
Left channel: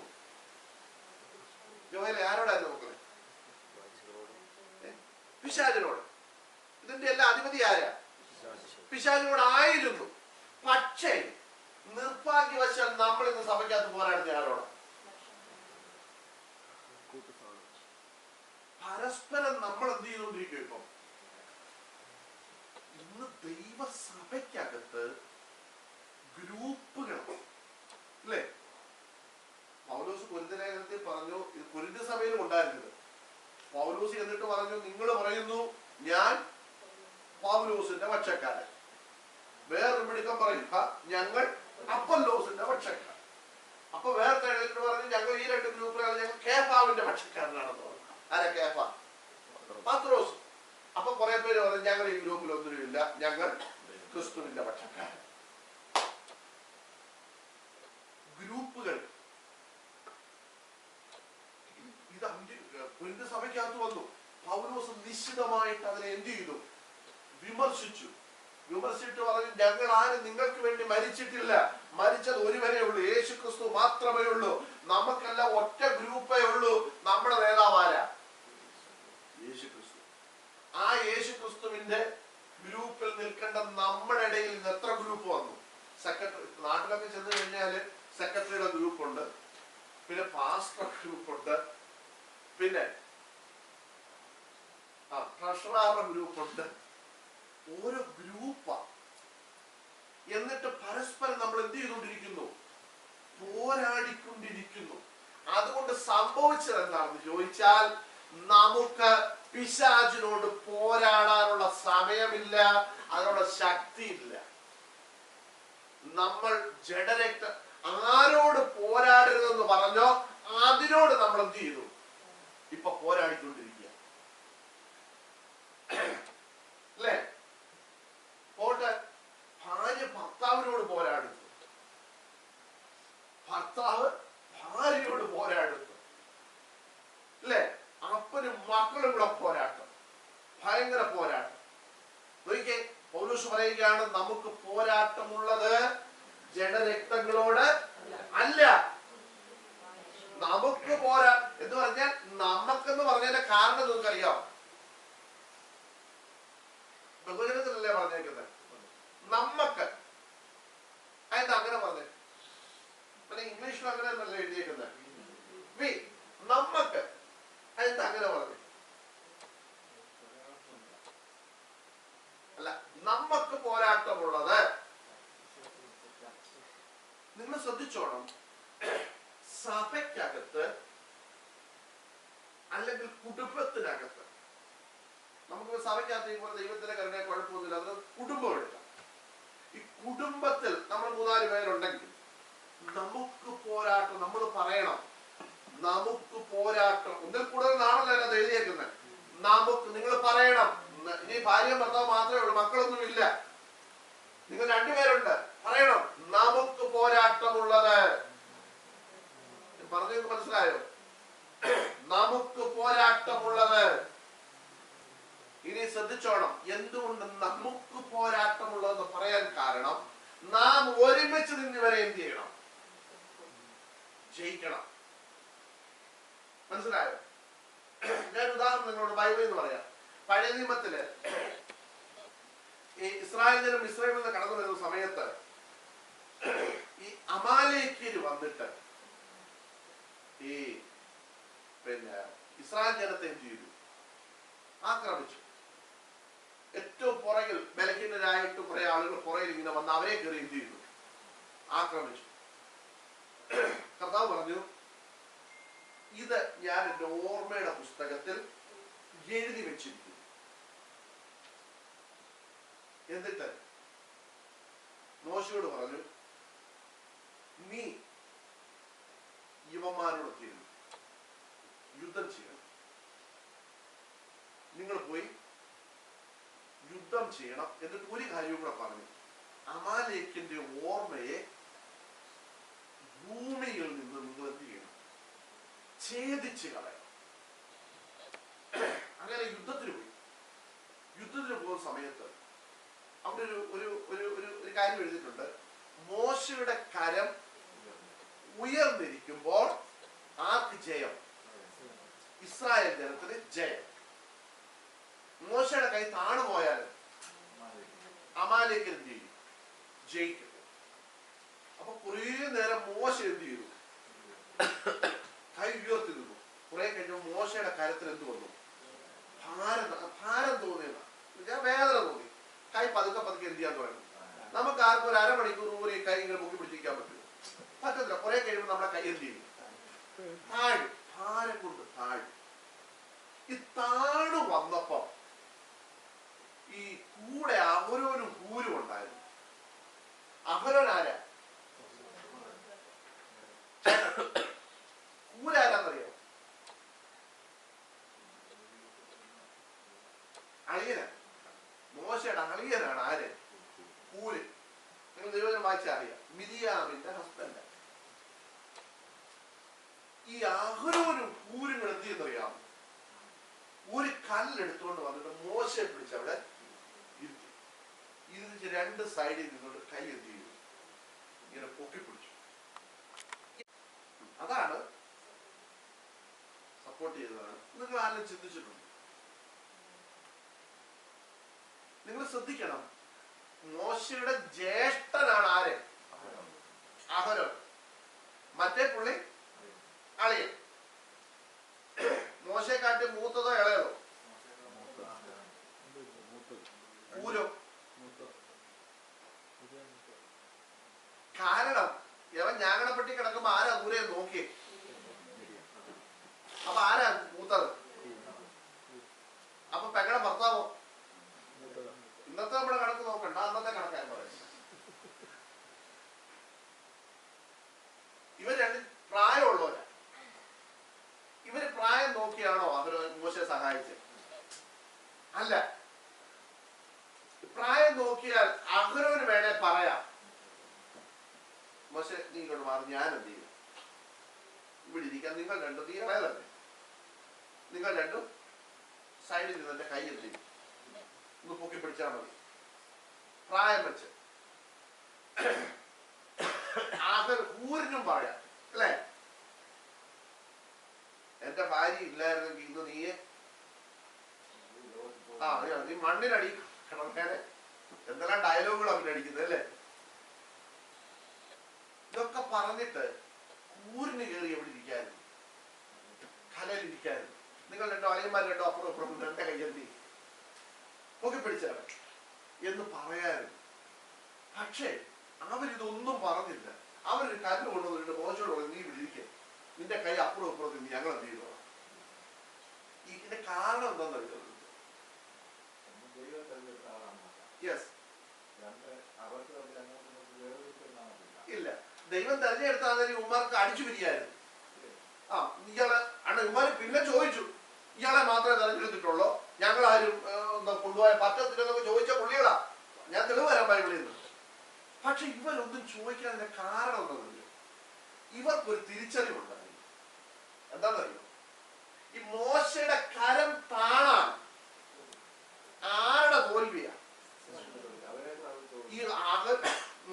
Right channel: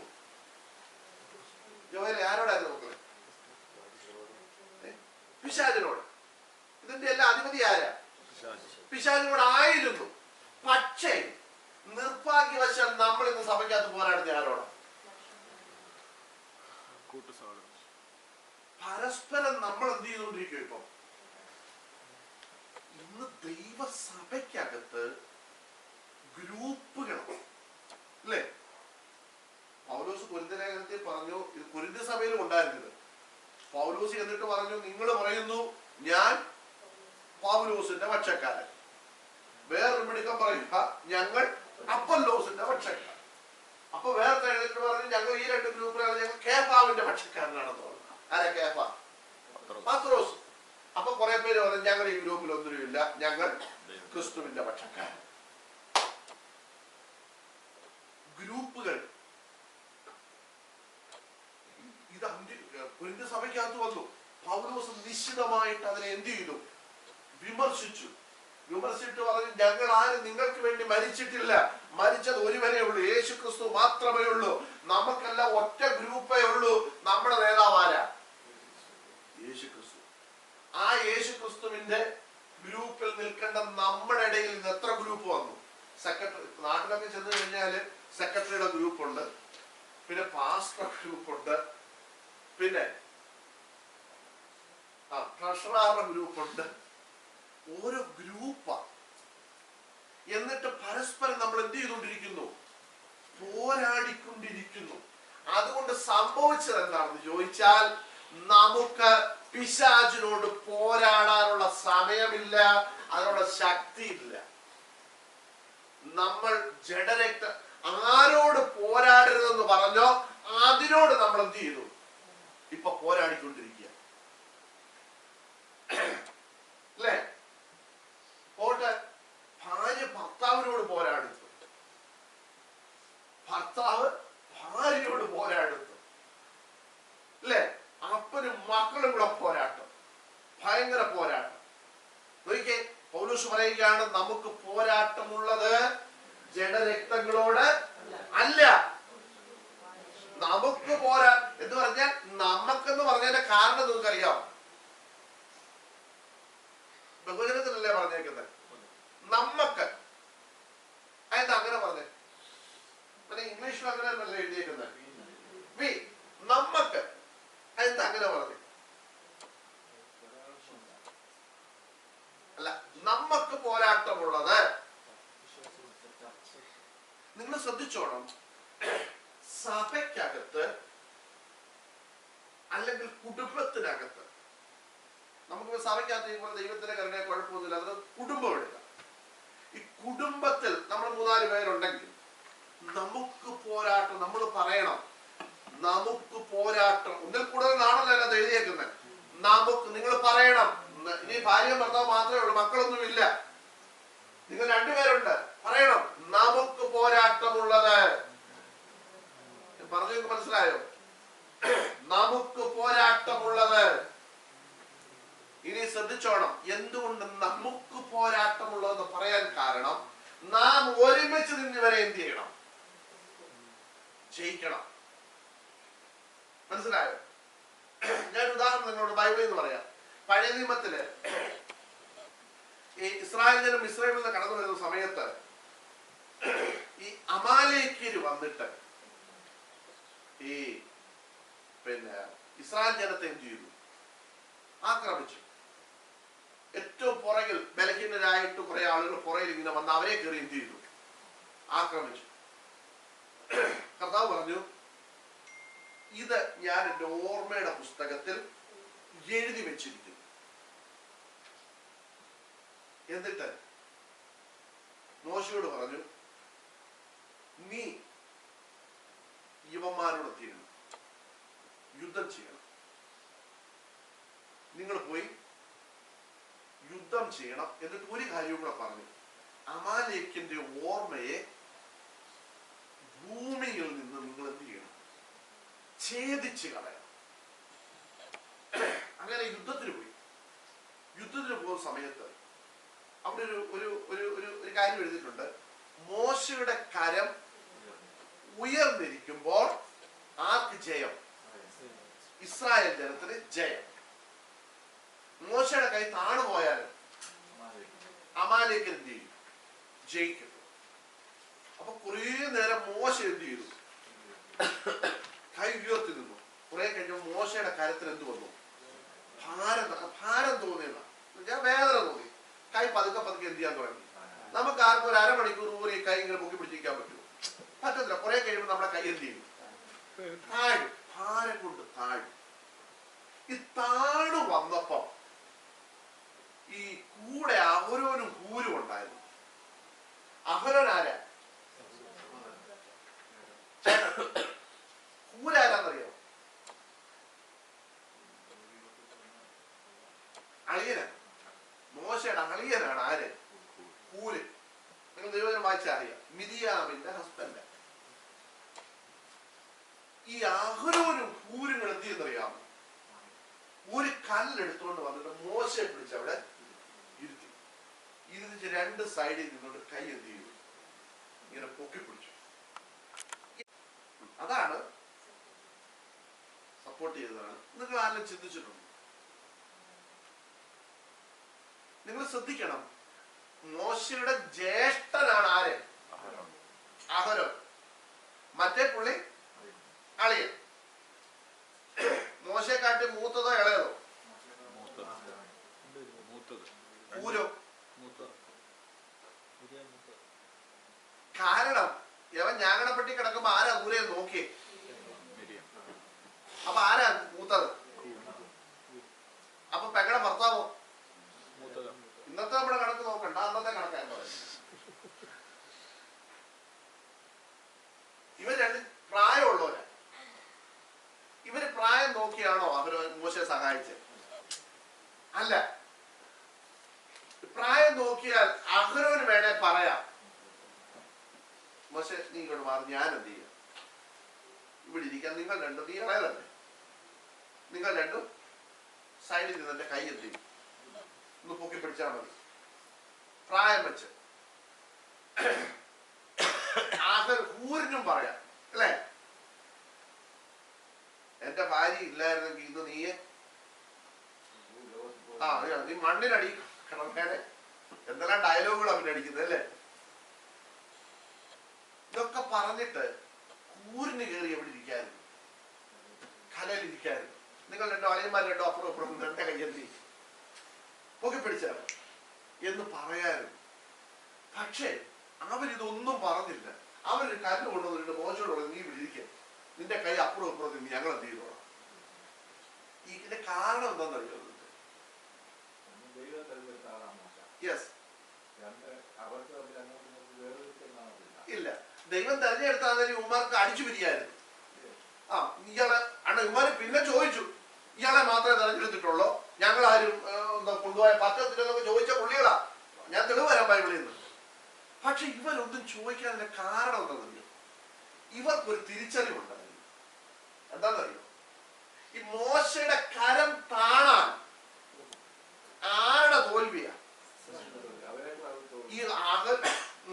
ജോയലെ, ആരോടായിരുന്നു മക്കളെ? പിശാചിനോട്. ഇതിന്റെ എല്ലാം അധിപതി ആരാ? പിശാചിനോടായിരുന്നു. പക്ഷേ നിർഭാഗ്യവശാൽ നമ്മൾ ഇന്ന് സഭയ്ക്കകത്ത് പോരാടുന്ന ആരോടാ? പരസ്പരം നമ്മൾ എന്ത് ചെയ്തുകൊണ്ടിരിക്കും? ഇപ്പൊ ഇന്ന് ദൈവസഭയ്ക്കകത്ത് ഗ്രൂപ്പുകൾ അല്ലേ? പൗലോസ് കൊരിന്ത്യ ലേഖനത്തിൽ പറഞ്ഞു, ഇത് കൊരിന്ത്യ സഭയിലും ഉണ്ടായിരുന്നത്. പൗലോസ് എന്നിട്ട് പറഞ്ഞു, നിങ്ങൾ പറയുന്നു ഞാൻ പൗലോസിന്റെ പക്ഷക്കാരൻ. വേറൊരു മിടുക്കം പറയുക, ഞങ്ങൾ അപ്പൊല്ലോസിന്റെ പക്ഷക്കാരൻ. അപ്പൊ വേറെ എഴുതിട്ട് പറഞ്ഞു, ഞങ്ങൾ ഈ രണ്ട് ഗ്രൂപ്പിലാണ്, ഞങ്ങൾ കേഫാവിന്റെ പക്ഷക്കാരനാണെന്ന് പറഞ്ഞു. ആരാ കേഫ? പത്രോസ്. അപ്പൊ കുറെ പേര് പറഞ്ഞു, ഞങ്ങൾ ഈ ഗ്രൂപ്പിൽ ഒന്നുമില്ല, ഞങ്ങൾ ക്രിസ്തുവിന്റെ പക്ഷക്കാരൻ. ഗ്രൂപ്പുകൾ ഇത് കൊരിന്ത്യ സഭയ്ക്കകത്ത് വന്നു. പൗലോസ് നിശ്ചിതമായിട്ട് അതിനെ എന്ത് ചെയ്തു? വിമർശിച്ചിട്ട് പറഞ്ഞു, ഞങ്ങൾ ആരും നിങ്ങൾക്ക് വേണ്ടി മരിച്ചിട്ടില്ല, മരിച്ചത് ഒരുവനേ ഉള്ളൂ, യേശു ക്രിസ്തു മാത്രമേ ഉള്ളൂ. നമുക്കെല്ലാം ഒറ്റ ഗ്രൂപ്പേ ഉള്ളൂ. നമ്മുടെ നേതാവ് ആരാ? യേശു ക്രിസ്തു. ആ യേശു ക്രിസ്തുവിന്റെ ഗ്രൂപ്പിൽ നിൽക്കേണ്ട നമ്മുടെ ഇടയിൽ നിന്ന് എത്ര ഗ്രൂപ്പ് വന്നു? സെക്രട്ടറി, നാട്ടിലൊക്കെ ചെന്ന് കഴിഞ്ഞാല് സെക്രട്ടറിയുടെ ഗ്രൂപ്പുണ്ട്, പിന്നെ പാസ്റ്റർ ഗ്രൂപ്പുണ്ട്, പിന്നെ ട്രഷററുടെ ഗ്രൂപ്പുണ്ട്. ഓരോ ഗ്രൂപ്പാ. എന്നിട്ട് പരസ്പരം നമ്മൾ എന്ത് ചെയ്തുകൊണ്ടിരിക്കുന്നു? പോരാടിക്കൊണ്ടിരിക്കുന്നു. അതുകൊണ്ട് സംഭവിച്ചത് എന്താണെന്ന് ചോദിച്ചാൽ, നമുക്ക് പിശാചിനോട് പോരാടാനുള്ള സമയമില്ല, അതിനുള്ള ശക്തിയില്ല. നമ്മൾ ജഡരക്ത ആരോട് പോരാടരുതെന്ന് പറഞ്ഞോ അതിനോട് നമ്മൾ എന്ത് ചെയ്തു? ഇപ്പൊ പോരാടിക്കൊണ്ടിരിക്കുക അല്ലേ? പോട്ടെ, ഭാര്യ ഭർത്താവിനോട് പോരാടുന്നു, ഭർത്താവ് ഭാര്യയോട് പോരാടുന്നു അല്ലേ? അപ്പനും മക്കളും കൂടെ പോരാട്ടം, ഭയങ്കര പോരാട്ടം. നോക്കിക്കേ, പൗലോസ് പറയുകയാണ്, നമുക്ക് പോരാട്ടമുള്ളത് ജഡരക്തങ്ങളോട് അല്ല. നമുക്ക് പോരാ എന്ന് പറഞ്ഞാൽ, നമുക്കെന്ന് പറഞ്ഞതിന്റെ കാരണം നിങ്ങൾക്കറിയാം. ബഹുജനത്തിലല്ലേ പറഞ്ഞേക്കുന്നത്? നമ്മക്ക്. അതെന്താ അങ്ങനെ പറഞ്ഞേ? ഇംഗ്ലീഷിൽ അങ്ങനെ അല്ലേ എഴുതിയേക്കുന്നത്? വി, നമ്മക്ക്. അതെന്താ അങ്ങനെ പറഞ്ഞു? അല്ല, നമ്മക്ക് പോരാട്ടമുള്ളത്. നിങ്ങൾ ശ്രദ്ധിച്ചോണം, സഭയ്ക്കകത്ത് അല്ലെങ്കിൽ കുടുംബത്തിൽ സഭയ്ക്കകത്ത് പോലെ ദൈവത്തിന്റെ കരുണയെ കുഴപ്പമൊന്നുമില്ല. അത് കുടുംബം എടുക്കാം. ഈ കുടുംബത്തിൽ നമ്മൾ 3-4 പേരുണ്ടെങ്കിൽ നമുക്ക് പോരാട്ടം. നമ്മൾ പറയണം, നമുക്ക് പോരാട്ടം. ഒന്നിൽ കൂടുതൽ നാണല്ലോ അത് എഴുതിയേക്കുന്നത്. നമുക്ക്, നിങ്ങൾ പറയണം. ഇനി ഭാര്യയും ഭർത്താവ് മാത്രമേ ഉള്ളൂ, മക്കളൊന്നും ഇല്ല, നിങ്ങൾ 2 പേരുണ്ട്, പറയണം നമുക്ക് പോരാട്ടമുള്ളത്. പറഞ്ഞു മനസ്സിലായോ? നമുക്ക് പോരാട്ടമുള്ളത്. ഇനി ശ്രദ്ധിച്ചോണം, എന്തുകൊണ്ട് നമുക്ക് പോരാട്ടമുള്ളതെന്ന് പറയാൻ കാരണം, നാം ഒരുമിച്ച് നിന്നിവരെ എന്ത് ചെയ്യണം? ജയിക്കണം. മനസ്സിലായോ? ഞാൻ ഉദാഹരണം നിങ്ങളോട് ബൈബിളിൽ നിന്ന് പറയാം. പഴയ നിയമത്തില് ഈ ഇസ്രായേൽ ജനം ഇസ്രായേലിൽ നിന്ന് കടന്നു വരുന്ന സമയത്ത് ഈ അമാലേക്യര് വന്നിട്ട് ഈ ഇസ്രായേൽ ജനത്തെ എന്ത് ചെയ്തു? ആക്രമിച്ചു. ഏറ്റവും പുറകിൽ ബലഹീനരായിട്ട് കുറെ ആളുകൾ പുറകിൽ ഇങ്ങനെ വന്ന് അവരെ കയറി എന്ത് ചെയ്തു? ആക്രമിച്ചു. കർത്താവ് പറഞ്ഞു, ഇത് ഞാൻ എൻ്റെ ഓർമ്മയുടെ പുസ്തകത്തിൽ എഴുതി വെച്ചിരിക്കുന്നു. എന്നിട്ട് മോശയോട് പറഞ്ഞു, നീ യുവന്മാരോട് തീരണം, യുദ്ധം ചെയ്യണം. നിങ്ങൾ പോയി യുദ്ധം ചെയ്യണം. എന്നിട്ട് ഒരു കാര്യവും കൂടെ പറഞ്ഞു, അമാലേക്കിന്റെ ഓർമ്മയെ ഭൂമിയിൽ നിന്ന് നിങ്ങൾ എന്ത് ചെയ്യണം? ഛേദിച്ച് കളയണം. അങ്ങനെ യുദ്ധത്തിന് പോയി. യുദ്ധത്തിന് പോകുന്ന സമയത്ത് അവിടെ ഒരു കാര്യം എഴുതിയിട്ടുണ്ട്. മോശയുടെ കരം ഉയർന്നിരിക്കുമ്പോൾ ആർക്ക് ജയം? ഇസ്രായേൽ ജനത്തിന് ജയം. മോശയുടെ കൈ താണു പോയാലും അമാലേക്കർ എന്ത് ചെയ്യും? ജയിക്കും. അപ്പൊ കുറെ നേരം മോശ എന്ത് ചെയ്തു? കൈ ഉയർത്തി നിന്നു. കുറെ കഴിഞ്ഞപ്പോൾ മോശയുടെ കരത്തിൽ എന്ത് വന്നു? ഭാരം തോന്നിയല്ല, വേദന തോന്നി. കൈ പതുക്കെ പതുക്കെ എന്ത് ചെയ്യാൻ തുടങ്ങി. നമുക്ക് ആർക്കും ഒരു അരമണിക്കൂർ പോലും ഈ കൈ ഇങ്ങനെ പൊക്കി പിടിച്ചിരിക്കാൻ പറ്റുമോ? പറ്റത്തില്ല. കുറെ കഴിയുമ്പോൾ നമ്മുടെ കൈ എന്ത് ചെയ്യും? താഴും. ഭാരം കൊണ്ട് താഴും. ഈ താഴു വന്നപ്പോ ഈ കൂടെ അഹരോനും ഹൂരും ഉണ്ടായിരുന്നു. അഹരോൻ ആരാ? ഹൂരാരാന്നറിയോ? അളിയനാണ്. മോശയുടെ അളിയനാണ് ആര്? ഹൂര്. നിങ്ങൾ ദൈവജനം വായിച്ചാൽ അറിയാം. മിരിയാമിന്റെ ഹസ്ബൻഡ്. ഈ അഹരോനും ഹൂരും എന്ത് ചെയ്യുന്നറിയാമോ? ഒരു കല്ലെടുത്തുകൊണ്ട് വന്നിട്ട് മോശയെ പിടിച്ച് അവിടെ ഇരുത്തി. ഇരുന്നിട്ട് 2 സൈഡിൽ നിന്നുകൊണ്ട് കൈ എന്ത് ചെയ്തു? ഇങ്ങനെ പൊക്കി പിടിച്ചു. അതാണ് സപ്പോർട്ട് ചെയ്തതാണ്. നിങ്ങൾ ആരെങ്കിലും ചിന്തിച്ചിട്ടുണ്ടോ? നിങ്ങൾ ശ്രദ്ധിക്കണം, മോശയുടെ ജ്യേഷ്ഠനാണ് ആര്? അഹരോൻ. മറ്റേ പുള്ളി അളിയൻ. മോശയെക്കാട്ടി മൂത്തതോ ഇളയതോ? ഊരോ? കാരണം യവൻ ഞാങ്ങണപ്പെട്ടി കിടക്കുമ്പോ ആരാ ഊരയെ നോക്കിയേ? അപ്പൊ ആരാ മൂത്തത്? അപ്പൊ പെങ്ങളുടെ ഭർത്താവോ? ഇന്നത്തെ നമ്മുടെ കണക്ക് നോക്കണ്ട, അന്നത്തെ കണക്കായി പറയുന്നത്. ഇവർ 2 പ്രായമുള്ളവരാ. ഇവര് പ്രായം നോക്കിയാണോ അവര് മോശയെ സഹായിച്ചത്? അല്ല. പ്രായം നോക്കിയാൽ അഹരോന് വേണേ പറയാം, മോശെ നീ ഇങ്ങോട്ട് മാറി, ഞാൻ എന്ത് ചെയ്യാം? ഇവിടെ ഇരിക്കാൻ. നിങ്ങൾ 2 നീ ഇളയതല്ലേ, നിങ്ങൾ 2 സൈഡിൽ നിന്ന് എന്റെ കൈ എന്ത് ചെയ്യും? ഒന്ന് പൊക്കി പിടിച്ചാൽ മതി. പ്രായം വെച്ച് ഹൂരിനും പറയാം അല്ലേ, എന്റെ ഭാര്യ ഇല്ലായിരുന്നെങ്കിൽ ഇന്ന് നീയെ നീ മണ്ണിനടി കിടന്നേനെ. എന്തെല്ലാം ഡയലോഗുകൾ അവനടിക്കുന്നത് അല്ലേ? ഇതൊക്കെ പറഞ്ഞിട്ട് കൂരിന് കയറി എവിടെ ഇരിക്കായിരുന്നു? കലയിൽ ഇരിക്കായിരുന്നു. നിങ്ങൾ 2 അളിയന്മാർ 2 അപ്പുറം അപ്പുറം എന്റെ കയ്യെന്തി പൊക്കി പിടിച്ചാൽ എന്ന് പറയായിരുന്നു. പക്ഷേ അവരിതൊന്നും പറഞ്ഞില്ല. അവരൊരു കല്ല് കൊണ്ടുവന്നിട്ട് മോശയോട് പറഞ്ഞു, നീ ഇവിടെ ഇരിക്കുക, നിന്റെ കൈ അപ്പുറം അപ്പുറം നിന്ന് ഞങ്ങൾ എന്ത് ചെയ്തോളാം. ഇതിന്റെ കാരണം എന്താണെന്നറിയോ? ദൈവം തെരഞ്ഞെടുത്താൽ ഉമ്മാർക്ക് അടിച്ചു പിരിയായിരുന്നു. ഇയാളെ ഉമ്മാര് പിന്നെ ചോദിച്ചു, ഇയാളെ മാത്രമേ തെരഞ്ഞെടുത്തിട്ടുള്ളൂ, ഞങ്ങളാരും കൊണ്ടുപോയ പറ്റത്തില്ലെന്നൊക്കെ ചോദിച്ച പുള്ളികളാ. ഞാൻ തെളിവ് വരാൻ ബൈബിളിൽ നിന്ന്. പക്ഷെ ഇവരൊന്നും ചോദിക്കാതിന്റെ കാരണം എന്താണെന്നറിയോ? ഇവർക്കൊരു തിരിച്ചറിവുണ്ടായിരുന്നു. എന്താണെന്നറിയോ? ഈ മോശയുടെ കരം താണാൻ ആരുടെ തോൽവിയാ? ഈ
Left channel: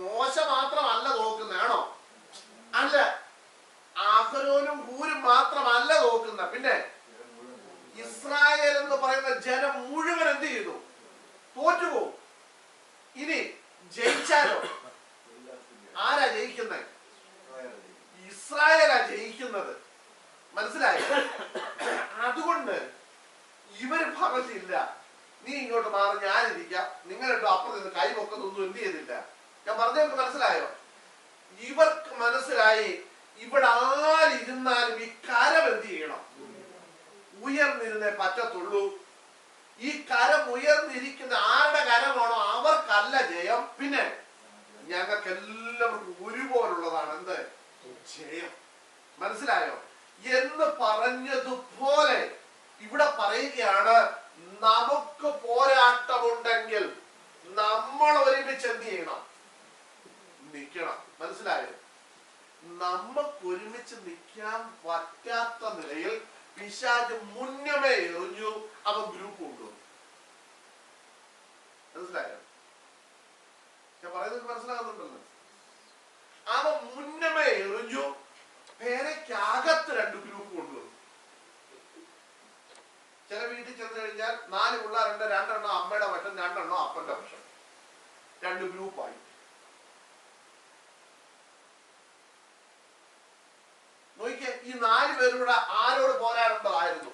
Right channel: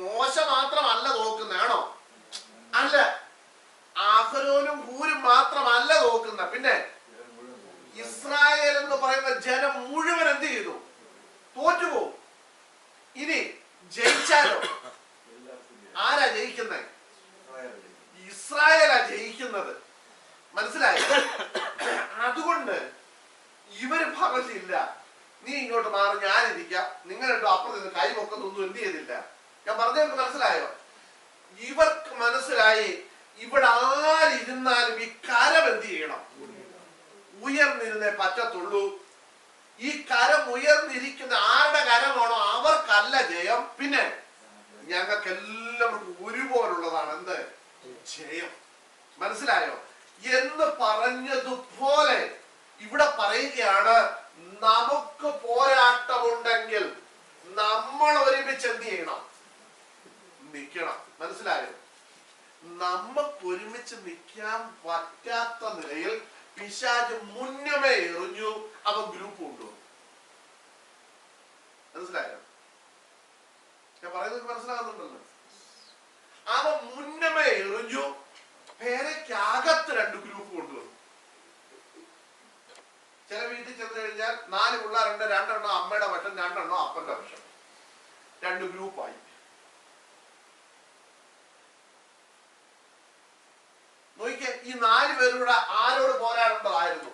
മോശ മാത്രമല്ല തോക്കുന്നതാണോ? അല്ല. അഹരോനും ഹൂരും മാത്രമല്ല തോക്കുന്ന, പിന്നെ ഇസ്രായേൽ എന്ന് പറയുന്ന ജനം മുഴുവൻ എന്ത് ചെയ്തു? തോറ്റുപോകും. ഇനി ജയിച്ചാലോ? ആരാ ജയിക്കുന്നത്? ഇസ്രായേലാ ജയിക്കുന്നത്. മനസ്സിലായി? അതുകൊണ്ട് ഇവര് പറഞ്ഞില്ല, നീ ഇങ്ങോട്ട് മാറി, ഞാനിരിക്കാം, നിങ്ങളിട്ടോ അപ്പുറത്ത് നിന്ന് കൈ പൊക്കുന്നൊന്നും എന്ത് ചെയ്തില്ല. ഞാൻ പറഞ്ഞവർക്ക് മനസ്സിലായോ? ഇവർക്ക് മനസ്സിലായി, ഇവിടെ ആരിരുന്നാലും ഈ കരം എന്ത് ചെയ്യണം? ഉയർന്നിരുന്നേ പറ്റത്തുള്ളൂ. ഈ കരം ഉയർന്നിരിക്കുന്ന ആരുടെ കരമാണോ അവർക്കല്ല ജയം, പിന്നെ ഞങ്ങൾക്ക് എല്ലാവർക്കും ഒരുപോലുള്ളതാണ് എന്ത്? ജയം. മനസ്സിലായോ? എന്ന് പറഞ്ഞതുപോലെ ഇവിടെ പറയുകയാണ്, നമുക്ക് പോരാട്ടമുണ്ടെങ്കിൽ നമ്മൾ ഒരുമിച്ച് എന്ത് ചെയ്യണം? നിൽക്കണം. മനസ്സിലായോ? നമുക്ക് ഒരുമിച്ച് നിൽക്കാൻ പറ്റാത്ത നിലയിൽ പിശാച് മുന്നമേ എറിഞ്ഞു, അവൻ ഗ്രൂപ്പ് കൊണ്ടുവന്നു. മനസ്സിലായോ? ഞാൻ പറയുന്നത് മനസ്സിലാകുന്നുണ്ടല്ലോ. അവൻ മുന്നമേ എറിഞ്ഞു, പേരയ്ക്കകത്ത് 2 ഗ്രൂപ്പ് കൊണ്ടുവന്നു. ചില വീട്ടിൽ ചെന്ന് കഴിഞ്ഞാൽ 4 പിള്ളേരുണ്ട്, 2 എണ്ണം അമ്മയുടെ പക്ഷം, 2 എണ്ണം അപ്പന്റെ പക്ഷം, 2 ഗ്രൂപ്പായി. നോക്കിയേ, ഈ 4 പേരുടെ ആരോട് പോരാടേണ്ടതായിരുന്നു?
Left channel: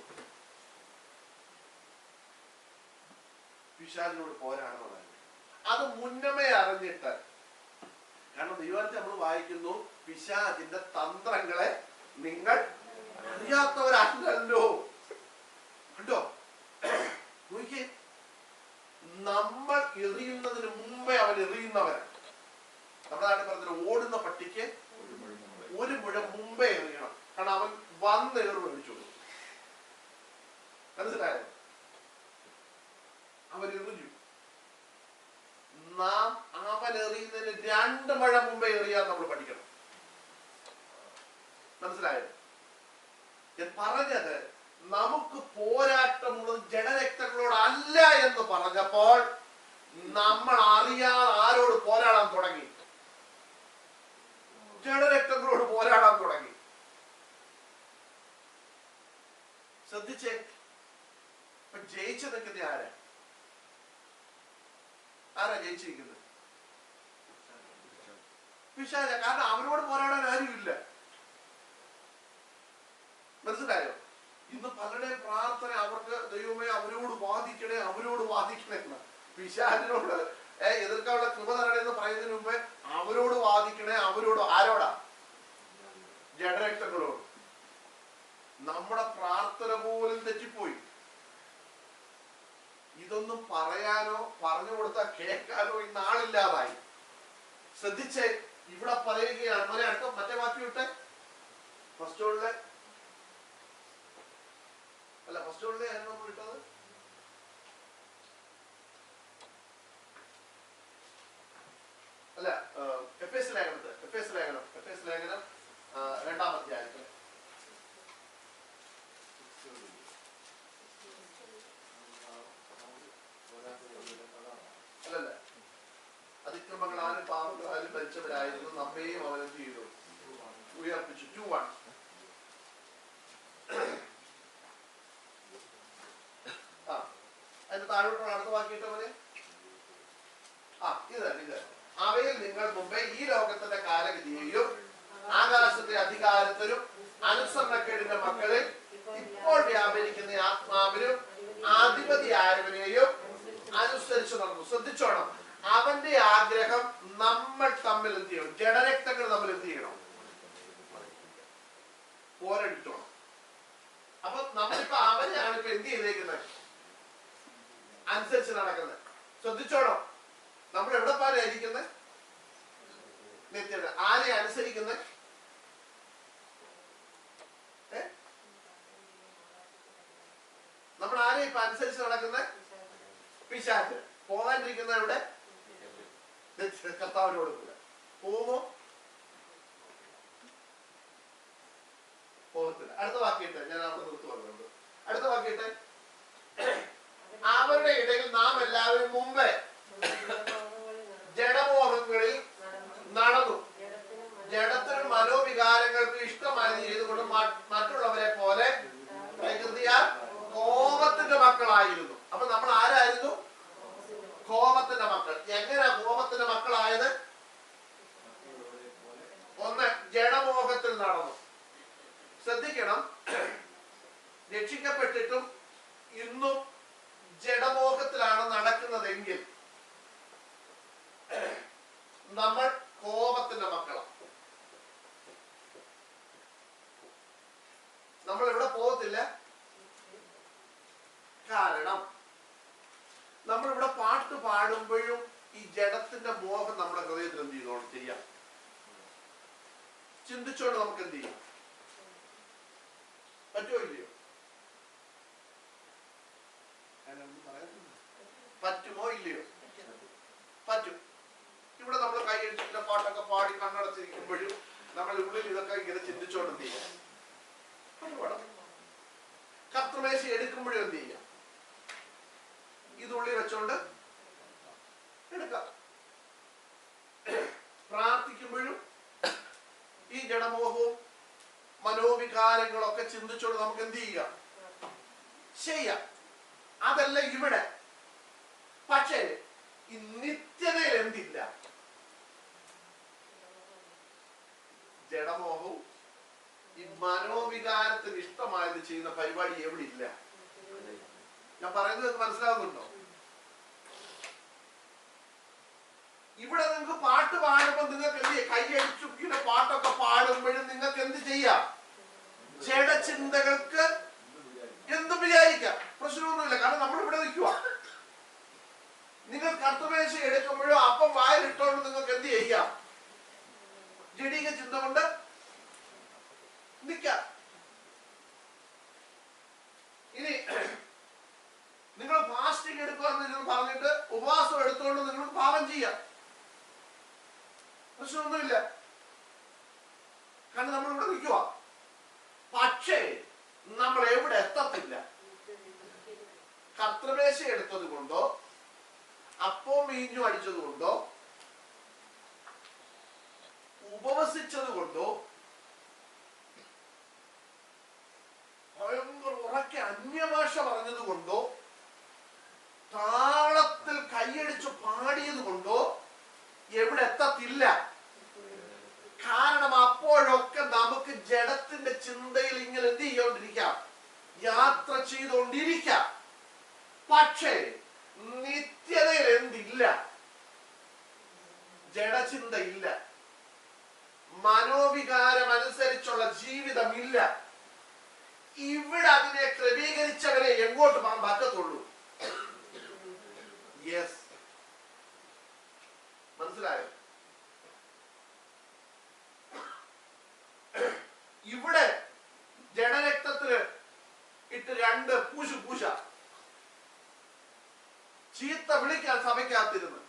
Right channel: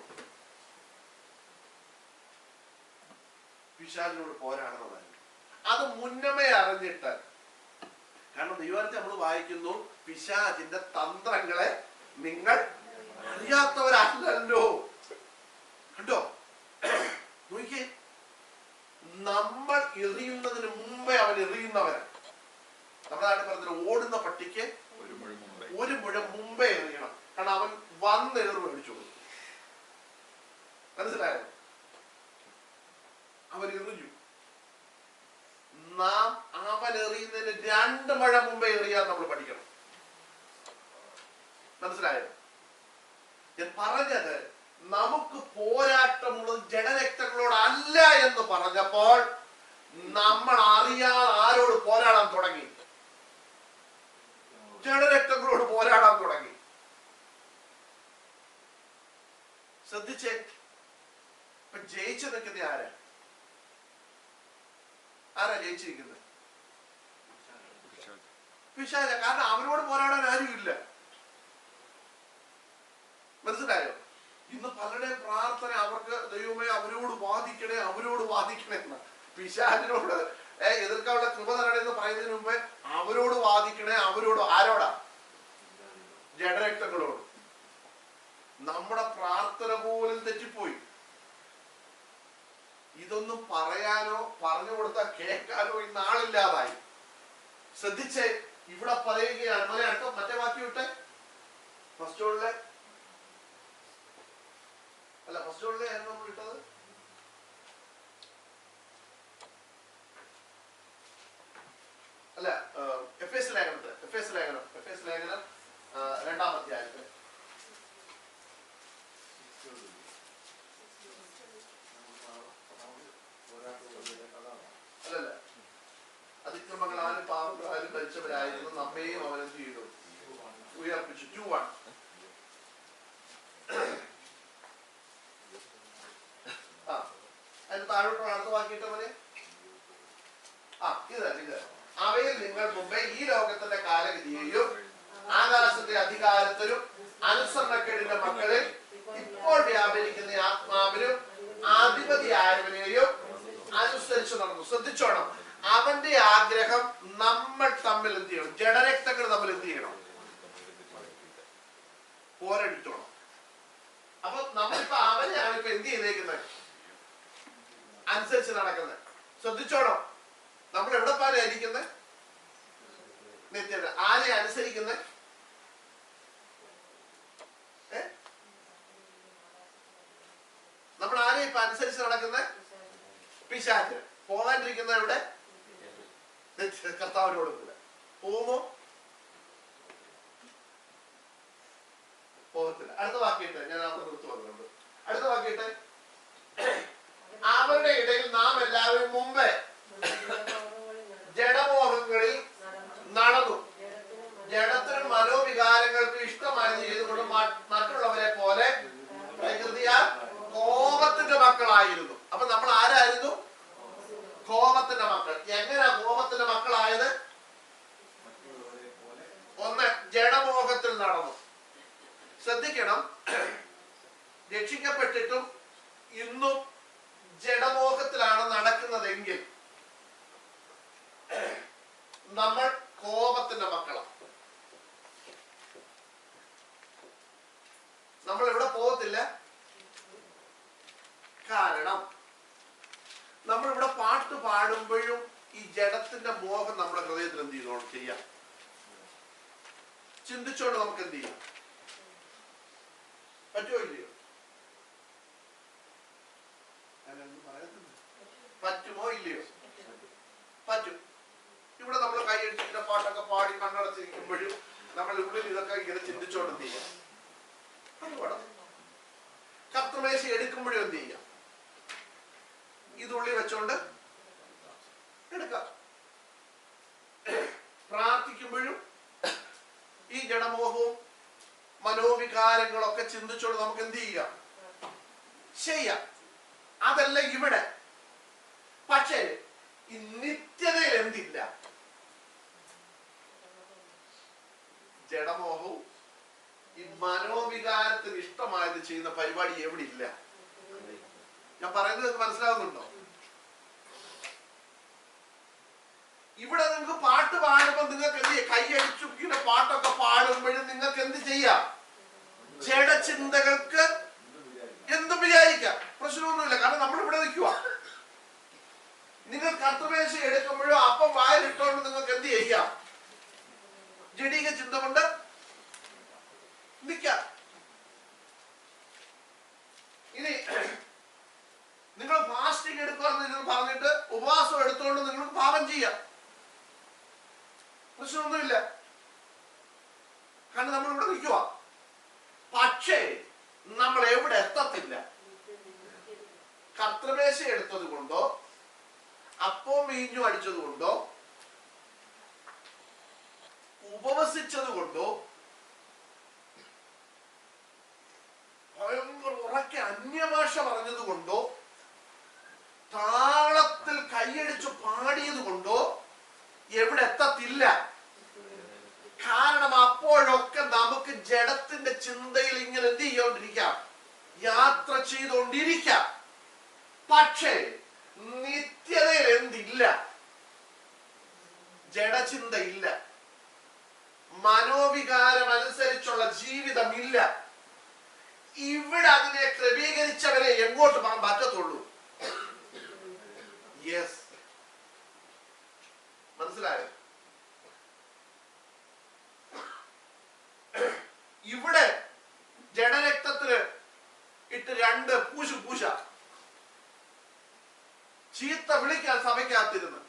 പിശാചിനോട് പോരാടേണ്ടതായിരുന്നു. അത് മുന്നമേ അറിഞ്ഞിട്ട്, കാരണം ദൈവത്തെ നമ്മൾ വായിക്കുന്നു, പിശാചിന്റെ തന്ത്രങ്ങളെ നിങ്ങൾ അറിയാത്തവരല്ലല്ലോ. കണ്ടോ? നോക്കിയേ, നമ്മൾ എറിയുന്നതിന് മുമ്പേ അവൻ എറിയുന്നവരാണ്. നമ്മുടെ നാട്ടിൽ പറഞ്ഞ ഓടുന്ന പട്ടിക്ക് 1 മുഴം മുമ്പേ എറിയണം. കാരണം അവൻ വന്ന് ഏറ് മേടിച്ചോളൂ. മനസ്സിലായോ? അവൻ എറിഞ്ഞു. നാം അവൻ എറിയുന്നതിന് 2 മുഴം മുമ്പേ എറിയാൻ നമ്മൾ പഠിക്കണം. മനസ്സിലായോ? ഞാൻ പറഞ്ഞത്, നമുക്ക് പോരാട്ടമുള്ളത് ജഡരക്തങ്ങളോടല്ല എന്ന് പറഞ്ഞപ്പോൾ നമ്മൾ അറിയാതെ ആരോട് പോരാടാൻ തുടങ്ങി? ജഡരക്തങ്ങളോട് പോരാടാൻ തുടങ്ങി. ശ്രദ്ധിച്ചേ. ഇപ്പൊ ജയിച്ചു നിൽക്കുന്ന ആരാ? ജയിച്ചിരിക്കുന്നത്? പിശാച. കാരണം അവനോട് പോരാടാൻ ആരുമില്ല. മനസ്സിലായോ? ഇന്ന് പലരുടെയും പ്രാർത്ഥന അവർക്ക്, ദൈവമേ അവരോട് വാദിക്കണേ, അവരോട് വാദിക്കണേ എന്ന്. പിശാചിനോട് എതിർക്കാനുള്ള കൃപ തരണേ എന്ന് പറയുന്നതിന് മുമ്പേ അവരോട് വാദിക്കണേ. അവരോട് ആരോടാ? ജഡരക്തങ്ങളോട്. നമ്മുടെ പ്രാർത്ഥന പോലും തെറ്റിപ്പോയി. ഇതൊന്നും പറയാനോ പറഞ്ഞു കൊടുത്താൽ കേൾക്കാനോ ഇന്ന് ആളില്ലാതായി. ശ്രദ്ധിച്ചേ. ഇവിടെ പറയുകയാണ്, മറ്റേ വാക്യം വിട്ടെ. ഫസ്റ്റ് ഓളിലെ ആയിരുന്നു നമ്മൾ ഇട്ടത്. അല്ല, എഫേസ് ലേഖനം 2-ാം അധ്യായത്തിൽ അല്ലല്ല, അതിക്രമങ്ങളാലും പാപങ്ങളാലും ഭരിച്ചവരായിരുന്നു, നമ്മെയും അവനെന്ത് ചെയ്തു? ഉയർപ്പിച്ചു. 2:1. അതിന് താഴോട്ടുള്ള അടുത്ത വാക്കിയിട്ട് മതി. ഇത് അവയിൽ നിങ്ങൾ മുമ്പേ ഈ ലോകത്തിന്റെ കാലഗതിയെയും ആകാശത്തെ അധികാരത്തിലും അനുസരണക്കേടിന്റെ മക്കളിൽ ഇപ്പോൾ വ്യാപരിക്കുന്ന ആത്മാവിനും അധിപതിയായവനെയും അനുസരിച്ച് നടന്നു. ശ്രദ്ധിച്ചോണം. അവന്റെ ആഗ്രഹം നമ്മൾ തമ്മിൽ എന്ത് ചെയ്യണം? ജഡരക്തങ്ങൾ തമ്മിൽ എന്ത് ചെയ്യണം? പോരടിച്ചോണം. അപ്പൊ നമ്മളിപ്പോ അവനെയാണ് ഇപ്പൊ എന്ത് ചെയ്തേക്കുന്നത്? അനുസരിച്ച് നടക്കുന്നത്. ശ്രദ്ധിച്ചോണം. നമ്മൾ എവിടെ പാരായിരിക്കുന്നത്? നിത്യത. ആരെ അനുസരിക്കുന്ന? നമ്മൾ ആരെ ഇപ്പൊ അനുസരിച്ച് നടക്കുന്ന? പിശാച്. പോകാണ്ടിരിക്കുന്ന ഇവിടെ കർത്താവിനോട് കൂടെ പോകുമോ? പോകത്തില്ല. അടുത്ത വാക്യത്തെ ഞാൻ അവിടെ നിർത്തി വന്നുണ്ട്. അടുത്ത വാക്യത്തെ, അവരുടെ ഇടയിൽ നാം എല്ലാവരും മുമ്പേ ജഡമോഹങ്ങളിൽ നടന്നു, ജഡത്തിനും മനോവികാരങ്ങൾക്കും ഇഷ്ടമായത് ചെയ്തുകൊണ്ട് മറ്റുള്ളവരെ പോലെ പ്രകൃതിയാൽ കോപത്തിന്റെ മക്കളായിരുന്നു. അപ്പൊ നമ്മൾ ആരായിരുന്നു? കോപത്തിന്റെ മക്കൾ. എങ്ങനെയാ കോപത്തിന്റെ മക്കളായത്? ഒന്ന്, ജഡമോഹത്തിൽ നടന്നു. ശ്രദ്ധിക്കണം, രക്ഷിക്കപ്പെട്ടിട്ടും ഇന്നും ജഡമോഹത്തിലാണ് നടക്കുന്നതെങ്കിൽ നമ്മൾ കോപത്തിന്റെ മക്കളാണ്. നമ്മൾ ഇവിടെ പോകത്തില്ല. കാരണം നമ്മളിവിടെ പാട്ട് പാടുമ്പോഴും ഈ ജഡത്തിന്റെ മോഹം നമ്മുടെ ഹൃദയത്തിൽ എന്ത് ചെയ്തോണം ചെയ്യാം? ചിന്തിച്ചോണ്ട് നമുക്ക് എന്ത് ചെയ്യാം? പറ്റുമോ ഇല്ലയോ? പറ്റുമോ ഇല്ലയോ? പറ്റും. ഇവിടെ നമ്മൾ കൈയടിച്ചിട്ട് പാട്ടൊക്കെ പാടി കണ്ണടച്ചിരിക്കുമ്പോഴും നമ്മൾ ഉള്ളിൽ ഇതൊക്കെ ഇങ്ങനെ ചിന്തിച്ചോണ്ട് എന്ത് ചെയ്യാം? അത് പാടാം. കർത്തൃമേശ എടുക്കുമ്പോഴും എന്ത് ചെയ്യാം? ഇതുള്ളി വെച്ചോണ്ട് എടുക്കാം. പ്രാർത്ഥിക്കുമ്പോഴും ഈ ജഡമോഹവും മനോവികാരങ്ങളൊക്കെ ചിന്തിച്ചോണ്ട് നമുക്ക് എന്ത് ചെയ്യാം? ചെയ്യാം. അതല്ല ഇവിടെ. പക്ഷേ ഈ നിത്യതയിൽ എന്തില്ല? ജഡമോഹവും ഈ മനോവികാരത്തിന് ഇഷ്ടമായത് ചെയ്യുന്ന പരിപാടി എവിടെ ഇല്ല? ഞാൻ പറയുന്നത് മനസ്സിലാവുന്നുണ്ടോ? ഇവിടെ നിങ്ങൾക്ക് പാട്ട് പാടുമ്പോ നിങ്ങൾക്ക് എന്ത് ചെയ്യാം? കൈയടിച്ചു ഇങ്ങനെ പാട്ടൊക്കെ പാടുമ്പോഴും നിങ്ങൾക്ക് എന്ത് ചെയ്യാം? ജഡചിന്തകൾക്ക് എന്തും വിചാരിക്കാം. പ്രശ്നമൊന്നുമില്ല. കാരണം നമ്മൾ ഇവിടെ നിൽക്കുക. നിങ്ങൾ കർത്തൃമേശ എടുക്കുമ്പോഴോ അപ്പം വായിലിട്ടോണ്ട് നിങ്ങൾക്ക് എന്ത് ചെയ്യാം? ജഡീക ചിന്ത കൊണ്ട് നിൽക്കാം. ഇനി നിങ്ങൾ ഫാസ്റ്റിംഗ് എടുക്കുക പറഞ്ഞിട്ട് ഉപവാസം എടുത്തുകൊണ്ട് നിങ്ങൾക്ക് പാപം ചെയ്യാം. പ്രശ്നമൊന്നുമില്ല. കാരണം നമ്മൾ ഇവിടെ നിൽക്കുക. പക്ഷേ നമ്മൾ എവിടെ എത്തത്തില്ല? കർത്തൃമേശ എടുത്തത് കൊണ്ടോ അപ്പവും മീഞ്ഞും അടിച്ചത് കൊണ്ടോ ഉപവസിച്ചത് കൊണ്ടോ ഭയങ്കര ഉറക്കെ അന്യഭാഷ പറഞ്ഞത് കൊണ്ടോ താളത്തിൽ കൈയടിച്ചു പാടിയത് കൊണ്ടോ എവിടെ എത്തത്തില്ല. കാരണം അപ്പോഴൊക്കെ നമുക്ക് ജഡത്തിന്റെ ചിന്തയിൽ ഇങ്ങനെ എന്ത് ചെയ്തോണ്ടിരിക്കാം? യാത്ര ചെയ്തുകൊണ്ടിരിക്കാം. പക്ഷേ നിത്യതയിൽ എന്തില്ല? ജഡചിന്ത ഇല്ല. മനോവികാരം അനുസരിച്ചുള്ള ജീവിതമില്ല. ഇവിടെ അതിനെ ക്രമീകരിച്ചവരെ എങ്ങോട്ട് പോകാൻ പറ്റത്തുള്ളൂ? യെസ്, മനസ്സിലായോ? ഇവിടെ ജഡരക്തത്തിന് ഇട്ട് രണ്ട് പൂശ ചീത്ത വിളിക്കാൻ സഭയ്ക്കകത്തിരുന്ന്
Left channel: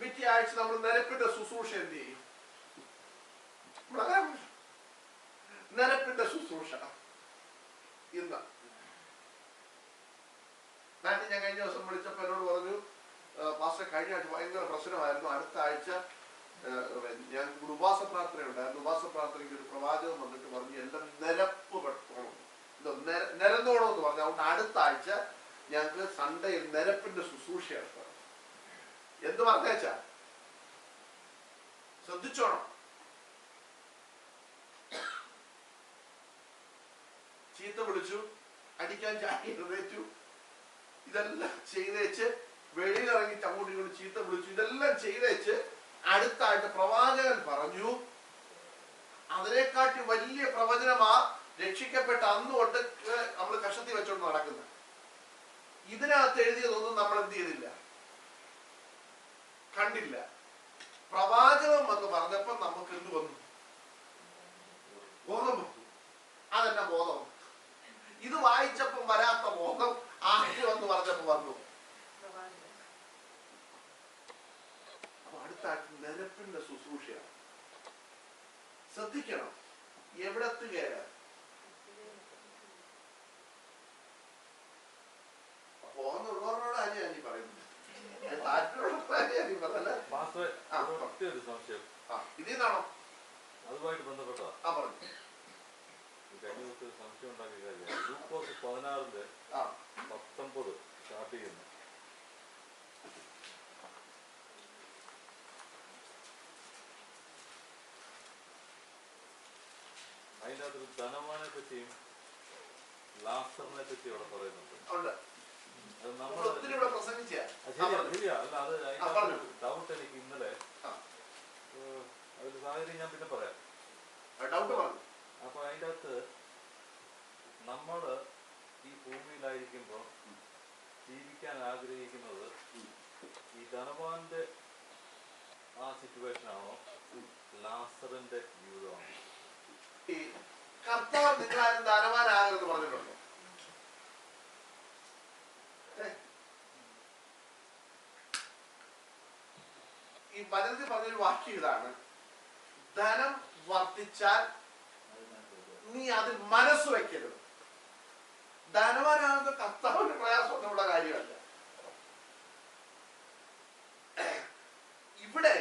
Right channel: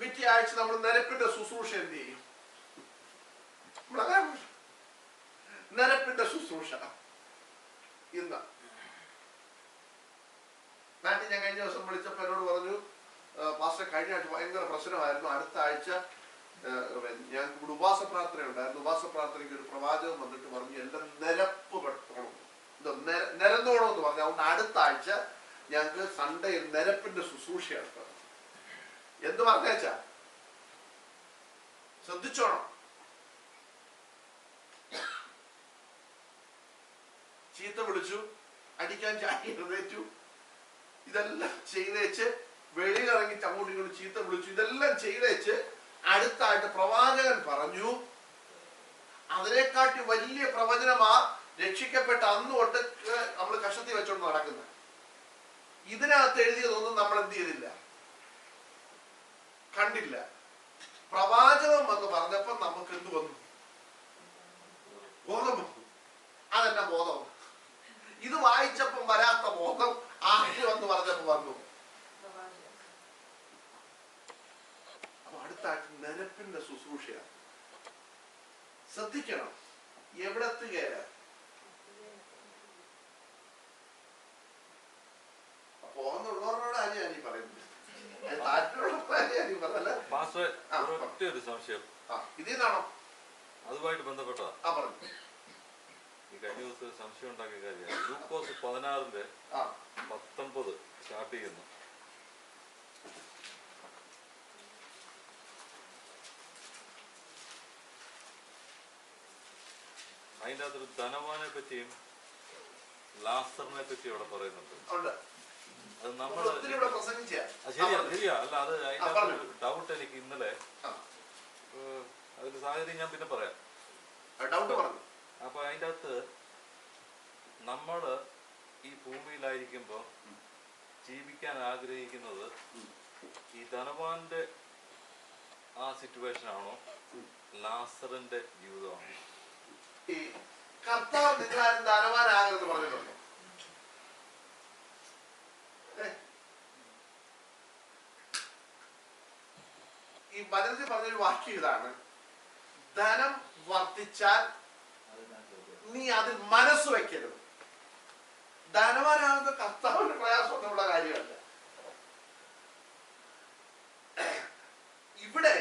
പിറ്റേ ആഴ്ച നമ്മൾ നിരപ്പിന്റെ ശുശ്രൂഷ എന്ത് ചെയ്യും? നിരപ്പിന്റെ ശുശ്രൂഷ ഇന്ന് നാട്ടിൽ ഞാൻ കഴിഞ്ഞ ദിവസം വിളിച്ചപ്പോ എന്നോട് പറഞ്ഞു, പാസ്റ്റർ കഴിഞ്ഞ ആഴ്ച ഭയങ്കര പ്രശ്നമായിരുന്നു, അടുത്ത ആഴ്ച ഞാൻ ഉപവാസ പ്രാർത്ഥന ഉണ്ടായിരുന്നു. ഉപവാസ പ്രാർത്ഥനയ്ക്ക് ഒരു പ്രവാചകൻ വന്നിട്ട് പറഞ്ഞു എല്ലാം നിരപ്പ് പെട്ടണം, നിരന്നോണം എന്ന് പറഞ്ഞു. അതുകൊണ്ട് അടുത്ത ആഴ്ച ഞങ്ങൾക്ക് സൺഡേയിൽ നിരപ്പിന്റെ ശുശ്രൂഷ നടത്തണം. എന്ത് പറഞ്ഞേച്ചാ ശ്രദ്ധിച്ചോണം. ചീത്ത വിളിച്ചു, അടിക്കാൻ ചാടി എഴുന്നേറ്റു, ഇതെല്ലാം ചെയ്തേച്ച് വെളിയിലിറങ്ങി അങ്ങോട്ടും ഇങ്ങോട്ടും ചീത്ത വിളിച്ചു, ഇതെല്ലാം ചെയ്തേച്ച് അടുത്തായിട്ട് പ്രവാചകൻ പറഞ്ഞു. അതിനെക്കാട്ടി വലിയ പ്രവചനമാ രക്ഷിക്കപ്പെട്ട അന്ന് തൊട്ട് നമ്മൾ കഷത്തി വെച്ചോണ്ട് നടക്കുന്നത്. ഇതിനകത്ത് എഴുതിയതൊന്നും നമ്മൾ എന്ത് ചെയ്തില്ല, കണ്ടില്ല. പ്രവാചകം എന്ന് പറഞ്ഞപ്പോ നമുക്ക് എന്ത് വന്നു? ബോധം വന്നു. അതെന്നെ ബോധം. ഇത് വായിച്ചപ്പം വരാത്ത ബോധം ആദ്യം എന്ന് പറഞ്ഞപ്പോ വന്നു. അപ്പൊ അടുത്ത നിരപ്പിന്റെ ശുശ്രൂഷയാണ്. ശ്രദ്ധിക്കണം, എവിടെത്തുകയല്ല. പോന്നുള്ളവരോട് ഞാൻ ഈ പറയുന്നത്, ഇതിന്നാണോ അതുമായിട്ട് ബന്ധപ്പെട്ടതാ. ഈ കഴിഞ്ഞ ദിവസം സംശയം ഉണ്ടാക്കിയ കാര്യമാണ്. ലൂക്കോസ് 16:19 സ്റ്റാർട്ട് ചെയ്യുന്നു. അതിൻ്റെ അകത്തൊരു ധനവാനെ പറ്റിയും ലാസറിനെ പറ്റിയും അവിടെ പറയുന്നുണ്ട്. അത് നമ്മൾ ശരിയാ അല്ല, അത് അതിന്റെ ഡൗട്ട് എനിക്ക് ഇന്നലെ, അതിന്റെ സാഹചര്യം ഞാൻ പിന്നെ പറയാം. അപ്പൊ അതിൻ്റെ അകത്ത് നമ്മള് ഈ ഭൂമിയിലായിരിക്കുമ്പോ ജീവിക്കാൻ ആഗ്രഹിക്കുന്നത് ഈ ധനവാന്റെ ആ സിറ്റുവേഷൻ ആണോ, ലാസറിന്റെ ജീവിതമാണോ? കർത്താവ് നിങ്ങളാരും ധനവാനാകരുത് പറഞ്ഞിട്ടുണ്ടോ? ഈ വചനത്തിൽ പറഞ്ഞൊരു വാക്യം ഇതാണ്: ധനം വർദ്ധിച്ചാൽ നീ അതിൽ മനസ്സ് വയ്ക്കരുത്. ധനവാനാകുന്ന കർത്താവിന് പ്രയാസമൊന്നുമുള്ള കാര്യമല്ല. ഇവിടെ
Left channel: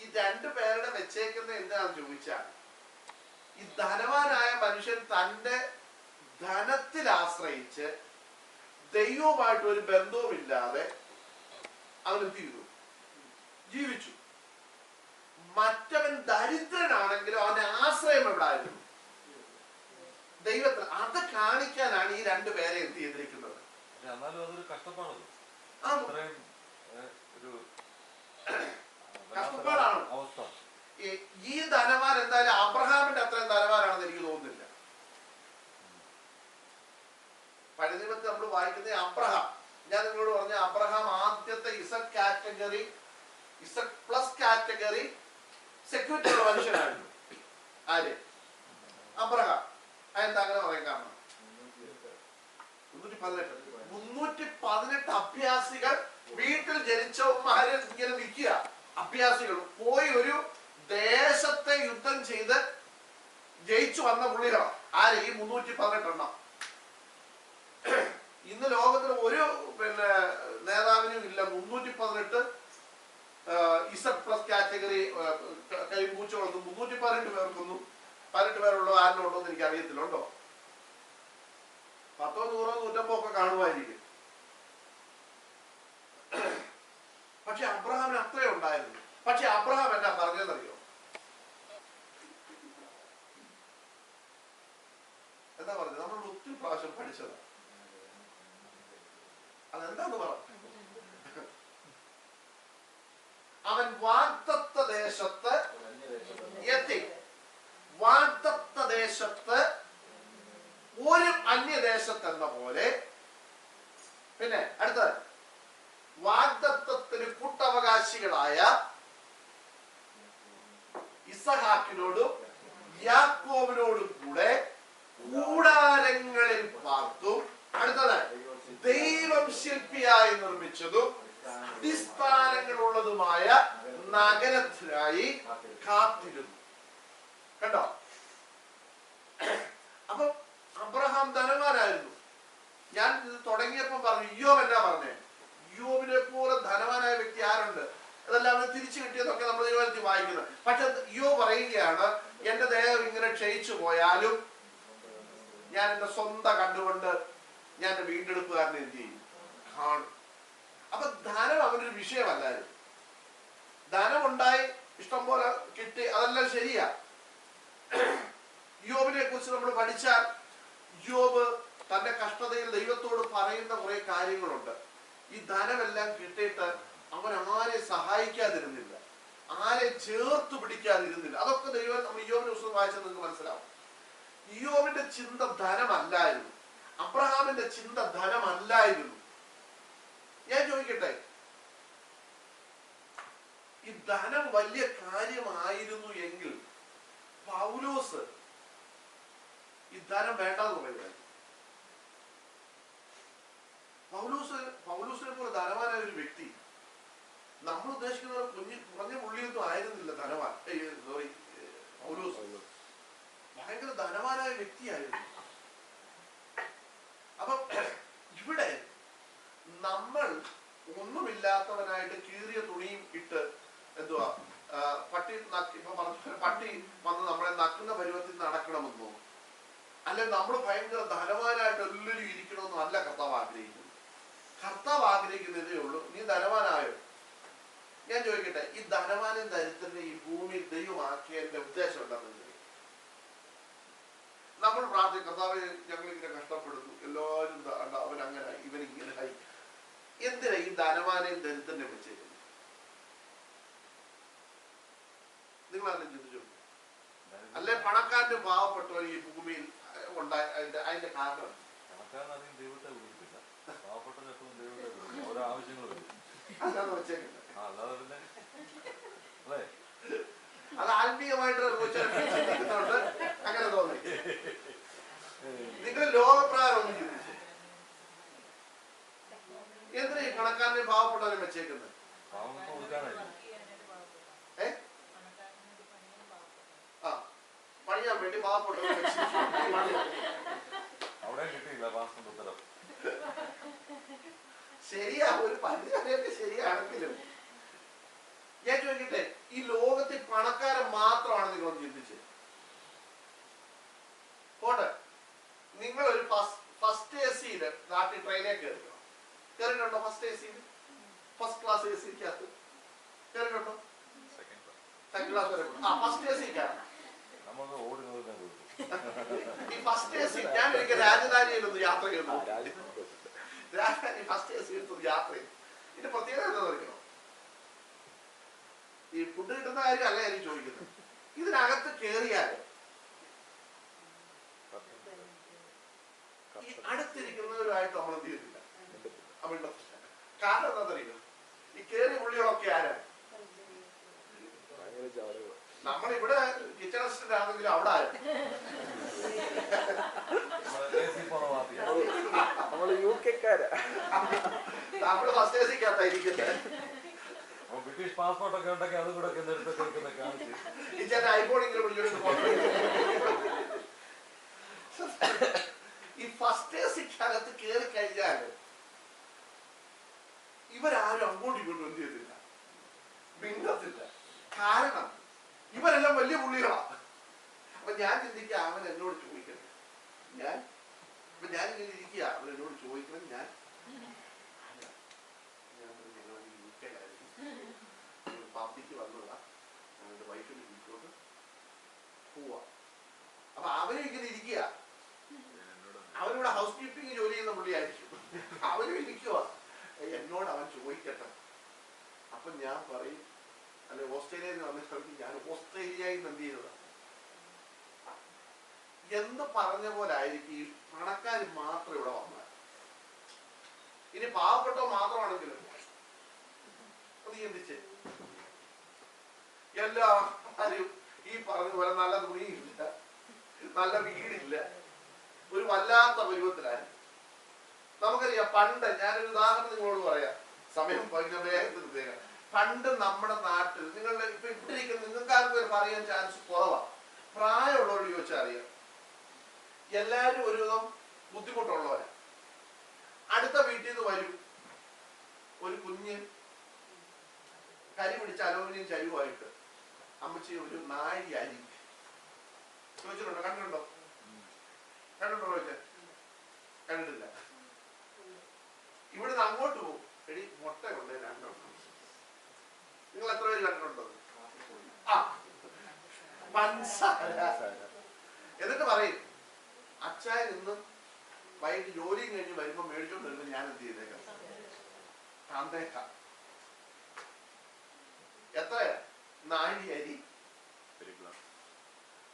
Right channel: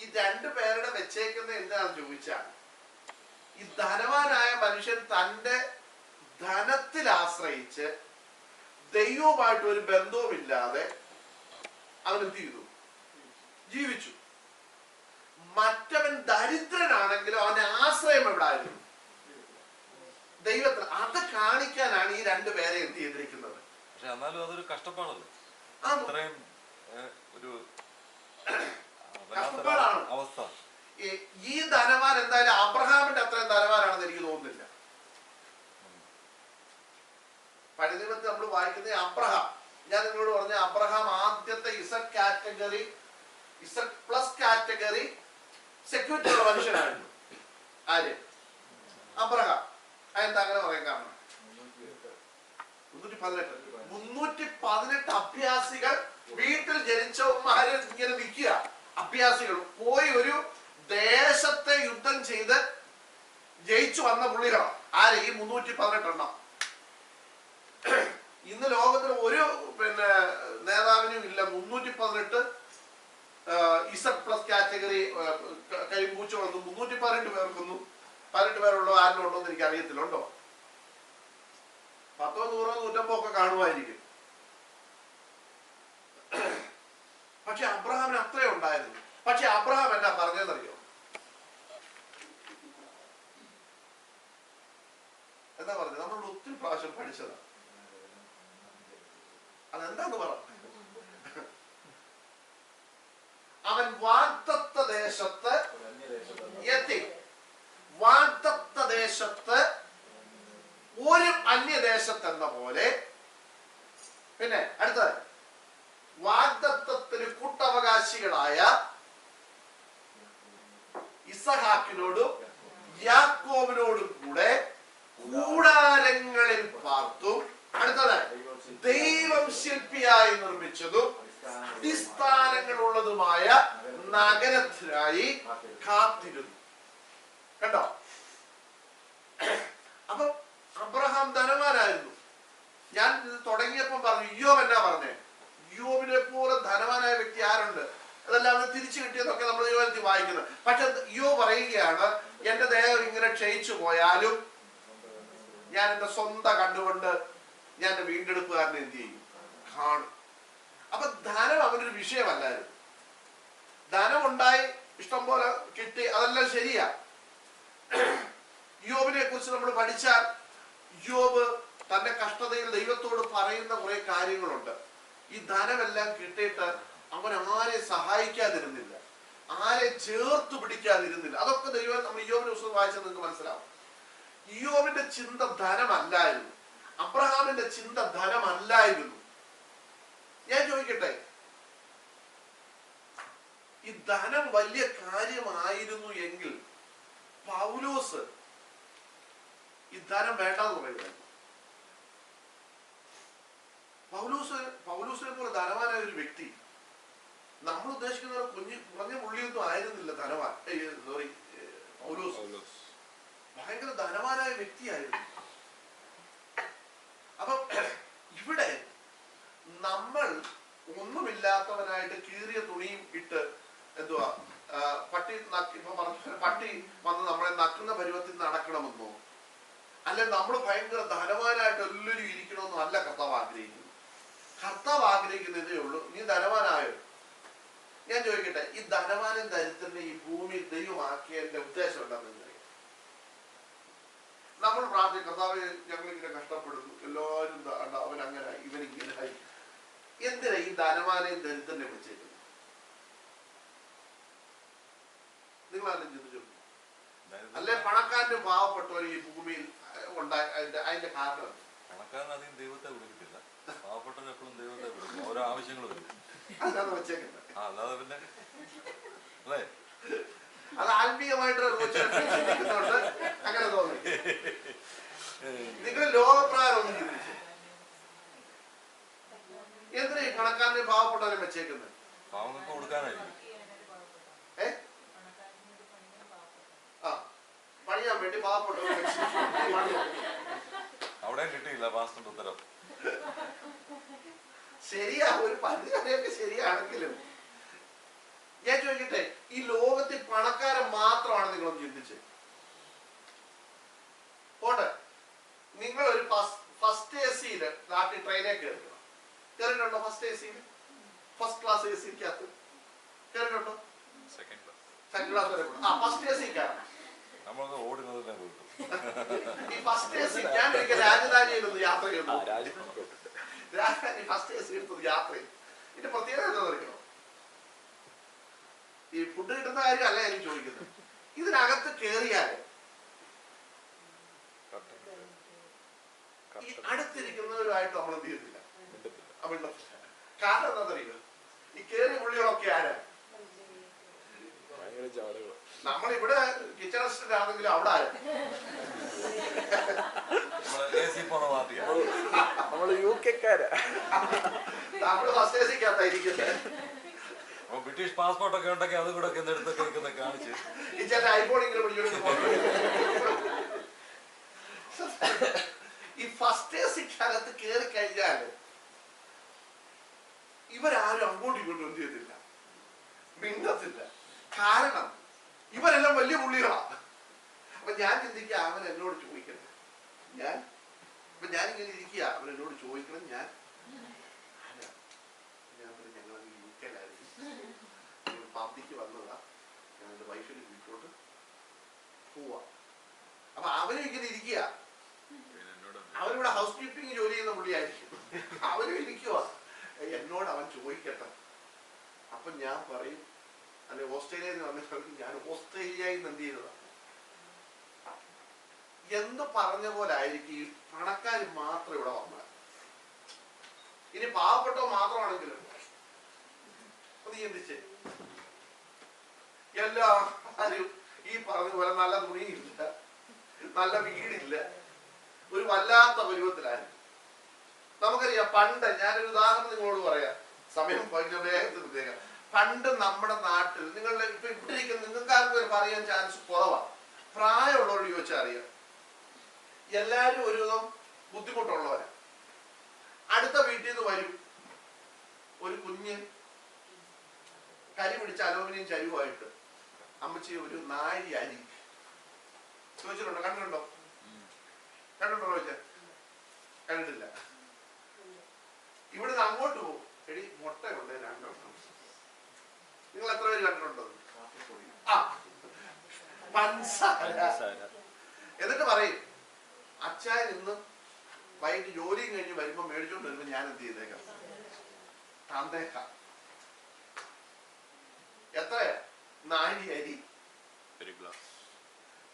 ഈ രണ്ടു പേരുടെ വെച്ചേക്കുന്ന എന്താണെന്ന് ചോദിച്ചാൽ, ഈ ധനവാനായ മനുഷ്യൻ തന്റെ ധനത്തിൽ ആശ്രയിച്ച് ദൈവവുമായിട്ട് ഒരു ബന്ധവുമില്ലാതെ അവൻ എന്ത് ചെയ്തു? ജീവിച്ചു. മറ്റവൻ ദരിദ്രനാണെങ്കിലും അവന്റെ ആശ്രയം എവിടായിരുന്നു? ദൈവത്തിൽ. അത് കാണിക്കാനാണ് ഈ രണ്ടുപേരെ എന്ത് ചെയ്തിരിക്കുന്നത്. പക്ഷെ എന്നാലും അതൊരു കഷ്ടപ്പാടല്ലേ, ഒരു കഷ്ടപ്പാടാണ് അവസ്ഥ. ഈ ധനവാൻ എന്തായാലും അബ്രഹാമിന്റെ അത്രയും ധനവാനാണെന്ന് എനിക്ക് തോന്നുന്നില്ല. പഴയ നിയമത്തിൽ നമ്മൾ വായിക്കുന്നത് അബ്രഹാം, ഞാൻ നിങ്ങളോട് പറഞ്ഞ അബ്രഹാം ആദ്യത്തെ Z category, Z plus category security ഉള്ള മനുഷ്യനായിരുന്നു. ആര്? അബ്രഹാം. അതെന്താ അങ്ങനെ പറയാൻ കാരണം? 318 അഭ്യാസികൾ, വീട്ടിൽ ജനിച്ചവന്മാര് ഇങ്ങനെ നിൽക്കുക. അഭ്യാസികൾ പോയി ഒരു ദേശത്തെ യുദ്ധം ചെയ്ത് ജയിച്ചു വന്ന പുള്ളികളാണ്. ആര്? ഈ 318 എണ്ണം. ഇന്ന് ലോകത്തിൽ ഒരു നേതാവിനും ഇല്ല 318 ഇസഡ് പ്ലസ് കാറ്റഗറി കരിമ്പൂച്ചകളൊന്നും. 318 പേർക്കൊന്നും, 18 പേരുള്ളോ ആരിലും ഉണ്ടോ എന്ന് എനിക്ക് അറിയത്തില്ല. ഉണ്ടോ? 10, 100, 150 ഒക്കെ കാണുമായിരിക്കും. പക്ഷെ അബ്രഹാമിന് അത്രയും ഉണ്ടായിരുന്നു. പക്ഷെ അബ്രഹാം എന്നാ പറഞ്ഞതെന്നറിയോ? എന്താ പറഞ്ഞത്? നമ്മളോട് ഒത്തിരി പ്രാവശ്യം പഠിച്ചതാണ്. അതെന്താന്ന് പറ. അവൻ വാഗ്ദത്ത ദേശത്ത് എത്തി. വാഗ്ദത്ത ദേശത്ത് ഒരു അന്യദേശത്ത് എന്ന പോലെ. പിന്നെ അടുത്തത്, വാഗ്ദത്തത്തിന് കൂട്ടവകാശികളായ ഇസഹാക്കിനോടും യാക്കോബിനോടും കൂടെ കൂടാരങ്ങളിൽ പാർത്തും. അടുത്തത്, ദൈവം ശില്പിയായി നിർമ്മിച്ചതും അടിസ്ഥാനങ്ങളുള്ളതുമായ നഗരത്തിനായി കാത്തിരുന്നു. കണ്ടോ? അപ്പൊ അബ്രഹാം ധനവാനായിരുന്നു. ഞാൻ ഇത് തുടങ്ങിയപ്പോൾ പറഞ്ഞു, ഇയ്യോബ് എന്നാ പറഞ്ഞേ? ഇയ്യോബിനെ പോലെ ധനവാനായ വ്യക്തി ആരുണ്ട്? അതെല്ലാം അവന് തിരിച്ചു കിട്ടിയതൊക്കെ നമ്മൾ ദൈവത്തിൽ വായിക്കുന്നത്. പക്ഷെ ഇയ്യോബ് പറയുകയാണ്, എന്റെ ദേഹം ഇങ്ങനെ ക്ഷയിച്ചു പോയാലും ഞാൻ എന്റെ സ്വന്തം കണ്ടുകൊണ്ട് ഞാൻ എന്റെ വീണ്ടെടുപ്പുകാരനെ എന്ത് ചെയ്യും? കാണും. അപ്പൊ ധനം അവനൊരു വിഷയമല്ലായിരുന്നു. ധനമുണ്ടായി, ഇഷ്ടം പോലെ കിട്ടി, അതെല്ലാം ശരിയാ. ഇയ്യോബിനെ കുറിച്ച് നമ്മൾ പഠിച്ചാൽ, ഇയ്യോബ് തന്റെ കഷ്ടതയിൽ ദൈവത്തോട് പറയുന്ന കുറെ കാര്യങ്ങളുണ്ട്. ഈ ധനമെല്ലാം കിട്ടിയിട്ട് അവൻ ആരെ സഹായിക്കാതിരുന്നില്ല, ആരെ ചേർത്ത് പിടിക്കാതിരുന്നില്ല. അതൊക്കെ ദൈവം, നമ്മൾ ഇയ്യോബിന്റെ പുസ്തകം വായിച്ചാൽ നിങ്ങൾക്ക് മനസ്സിലാവും. ഇയ്യോബിന്റെ ചിന്ത ധനമല്ലായിരുന്നു. അബ്രഹാമിന്റെ ചിന്ത ധനമല്ലായിരുന്നു. ഞാൻ ചോദിക്കട്ടെ, ഈ ധനം വലിയ കാര്യമായിരുന്നു എങ്കിൽ പൗലോസ് ഈ ധനം വേണ്ടെന്ന് പറയുമായിരുന്നു. പൗലോസിനെ പോലെ ധനവാനായ ഒരു വ്യക്തി, നമ്മൾ ഉദ്ദേശിക്കുന്ന കുറഞ്ഞ പുള്ളിയൊന്നും ആയിരുന്നില്ല ധനവാൻ. പൗലോസ് ഭയങ്കര ധനവാനായ വ്യക്തിയായിരുന്നു. അപ്പം ഇവിടെ നമ്മൾ ഒന്നുമില്ലാത്തവനായിട്ട് കീറിയ തുണിയും ഇട്ട് എന്തുവാ പട്ടി വന്ന് നമ്മളെ നക്കുന്ന പരുവത്തിൽ നടക്കണമെന്നോ, അല്ലെ നമ്മൾ ഭയങ്കര ധനവാനായിട്ട് എല്ലാവരും ഇരിക്കണമെന്നോ അല്ല കർത്താവ് ആഗ്രഹിക്കുന്നത്. കർത്താവ് ആഗ്രഹിക്കുന്നതേ ഉള്ളൂ, നീ ധനവാനായോ. ഞാൻ ചോദിക്കട്ടെ, ഈ ധനവാനും ദരിദ്രനെ ഈ ഭൂമിയിൽ ദൈവമാക്കിയതിന്റെ ഉദ്ദേശം എന്താണെന്ന് അറിയാം? നമ്മൾ പ്രാർത്ഥിക്കും, കർത്താവ് ഞങ്ങളിങ്ങനെ കഷ്ടപ്പെടുന്നു, എല്ലാവരും അവൻ അങ്ങനെ ഇവൻ ഇങ്ങനെയായി. എന്തിനാ ഈ ധനവാനെയും ദരിദ്രനെ വെച്ചേക്കുന്നത്? നിങ്ങളാരും ചിന്തിച്ചു? അല്ലെ പണക്കാരനും പാവപ്പെട്ടവരും ഈ ഭൂമിയിൽ ഉണ്ടായ അതിന്റെ കാരണം? പണക്കാരൻ അധികം ദൈവത്തെ വിളിക്കത്തില്ല, പാവപ്പെട്ടവൻ എപ്പോഴും ദൈവത്തെ വിളിക്കും, ഓരോ ആവശ്യങ്ങൾ വരും. അതാണ് വെച്ചേക്കുന്നത്. അല്ലാതെ പിന്നെ അല്ലേ, അത് ആത്മീയമായിട്ട് ചിന്തിക്കുന്നുണ്ട്, അങ്ങനെ തോന്നി. നിങ്ങൾ ലോകപ്രകാരം ഒന്നും ചിന്തിച്ചു എന്തിനാ ഈ പണക്കാരനെ പാവപ്പെട്ടവരെ വെച്ചേക്കുന്നത്? പാവങ്ങൾക്ക് കൊടുക്കാനായിരിക്കും. പണിയാൻ വേണ്ടി പാവപ്പെട്ടവരെ അവിടെ കിട്ടിയില്ല പാസ്റ്ററിന്റെ ഉത്തരം. ശരിയാ, ഒരു പരിധി വരെയൊക്കെ ശരിയാണെങ്കിലും ഞാൻ ചോദിക്കട്ടെ, ഈ ലോകത്തിൽ പണക്കാരൻ മാത്രമാണ് നിങ്ങളൊന്ന് ചിന്തിച്ച് പോട്ടെ. നിങ്ങളൊരു ഫസ്റ്റ് എ സിയില് നാട്ടിൽ ട്രെയിനിൽ കയറിയിട്ടുണ്ടോ? ഫസ്റ്റ് എ സിയിൽ, ഫസ്റ്റ് ക്ലാസ് എ സിക്കകത്ത് കയറിയിട്ടുണ്ടോ? സെക്കൻഡ് ക്ലാസ് വരെ. ഫസ്റ്റ് എ സി കയറണം. ഈ ഫസ്റ്റ് എ സി ഞാൻ ഒരിക്കൽ രാജധാനിയിലൊന്ന് യാത്ര ചെയ്യുന്നു. രാജധാനി ഫസ്റ്റ് എ സി എടുത്തത് യാത്ര ചെയ്തു. ഇതിന്റെ പ്രത്യേകത എന്താണെന്ന് അറിയോ? ഈ ഫുഡ് കിട്ടുന്ന കാര്യം അല്ല എനിക്ക് ചോദിക്കുന്നത്. ഇതിനകത്ത് കയറിയാൽ ഈ അടുത്തിരിക്കുന്നവരുമായിട്ട് നമ്മൾ എന്ത് ചെയ്യത്തില്ല, കാരണം എന്താണെന്നറിയോ? ഈ കയറിയ പുള്ളികളൊക്കെ ആരാ? നമ്മളിവിടെ കിച്ചൺ അസിസ്റ്റന്റ് ആണെങ്കിലും അവിടെ ആരാ? നമ്മള് യുകെക്കാരാ. നമ്മള് ഫസ്റ്റ് എ സിക്കകത്തായിരിക്കുന്നത്. ബ്രിട്ടീഷ് പാസ്പോർട്ട് ഒക്കെ ഉണ്ടെങ്കിൽ അതും കൂടെ എടുത്തൊക്കെ കാണിച്ച് ഈ ചേട്ടൻ ഐഫോണെങ്കിലും പിടിച്ചോണ്ട് ഈ ഫസ്റ്റ് എ സിക്കകത്ത് കയറി കഴിഞ്ഞാൽ ഇവരാരും അങ്ങോട്ടും ഇങ്ങോട്ടും എന്ത് ചെയ്യത്തില്ല, മിണ്ടത്തില്ല. കാരണം ഇവരെല്ലാം വലിയ പുള്ളികളാണ്. അപ്പൊ ഞാൻ ചിന്തിക്കുക, അവൻ എന്നോട് ചോദിക്കട്ടെ, ഞാനിങ്ങനെ ഇരിക്കുക, അവൻ എന്നോട് ചോദിക്കണം, ഞാൻ പറഞ്ഞു ഞങ്ങൾ യു കെയിലായിരുന്നു, പബ്ലിക്ക് വന്നതാ, ഞങ്ങളുടെ വൈഫിന്റെ വീട്ടിലോട്ട് പോവാ. അപ്പൊ അവനും ഇങ്ങനെ ഇരിക്കുക, അവനിവിടെ ഹൗസ് കീപ്പിംഗ് ജോലി ചെയ്യുന്ന പുള്ളിയായിരിക്കും, അവനും ഇരിക്കുക, എന്നോട് അവൻ ചോദിക്കട്ടെ. അപ്പൊ ഞാൻ പറയും, അല്ലെ ഓസ്ട്രേലിയയിൽ നിന്ന് വന്നിട്ട് ഞാൻ ഓസ്ട്രേലിയയിൽ നിന്ന് എന്ത് ചെയ്തതാ എന്ന് പറഞ്ഞ പോലെ ആയിരിക്കും ഈ പണക്കാർ മാത്രം ഇവിടെ വന്നാൽ. ഇനി പാവപ്പെട്ടോ മാത്രമാണെങ്കിലും ഒന്ന് ചിന്തിച്ച്, എല്ലാവരും ഈ പറഞ്ഞ പോലെ നല്ല തുണിയില്ല, നല്ല വീടില്ല, ഒരു വല്ലാത്ത പരുവത്തിലായിരുന്നു. നമുക്കറിയാം പണ്ട്, ഞാനൊരു ഉദാഹരണം നിങ്ങളോട് പറയാം, സമയം വേഗത്തിൽ. പണ്ട് നമ്മുടെ നാട്ടിൽ, നിങ്ങളുടെ ഇപ്പൊ ഇവിടെ ഇരിക്കുന്ന നിങ്ങൾക്കാർക്കും പറയാൻ ചാൻസ് കുറവാണ്, പ്രായമുള്ളവരോട് ചോദിച്ചാൽ അറിയാം, എല്ലാവരും ഒരുവിധം ബുദ്ധിമുട്ടുള്ളവരാ. അടുത്ത വീട്ടിൽ നിന്ന് വരും ഒരു കുഞ്ഞ് കരി പിടിച്ച അലൂമിനിയം ചരുവായിട്ട്, അമ്മച്ചി ഒരു നാഴി അരി ചോദിച്ചിട്ടുണ്ടോ? കണ്ടിട്ടുണ്ടോ? ചോദിച്ചാൽ കണ്ടിട്ടില്ല. ഇവിടുന്ന് അങ്ങോട്ട് പോകും, എടി മുട്ടയുണ്ട് രണ്ടെണ്ണം. നിങ്ങൾ എത്ര പേര് കണ്ടിട്ടുണ്ടോ? പഞ്ചസാര. എന്നിട്ട് പറയും, അച്ചായൻ ഇന്ന് വൈകിട്ട് ജോലിയും കഴിഞ്ഞ് വരുമ്പോ മേടിച്ചോണ്ട് വരുമ്പോ ഞാൻ എന്ത് ചെയ്തേക്കാം, തന്നേക്കാം. എത്രയാ? നാഴി അരി,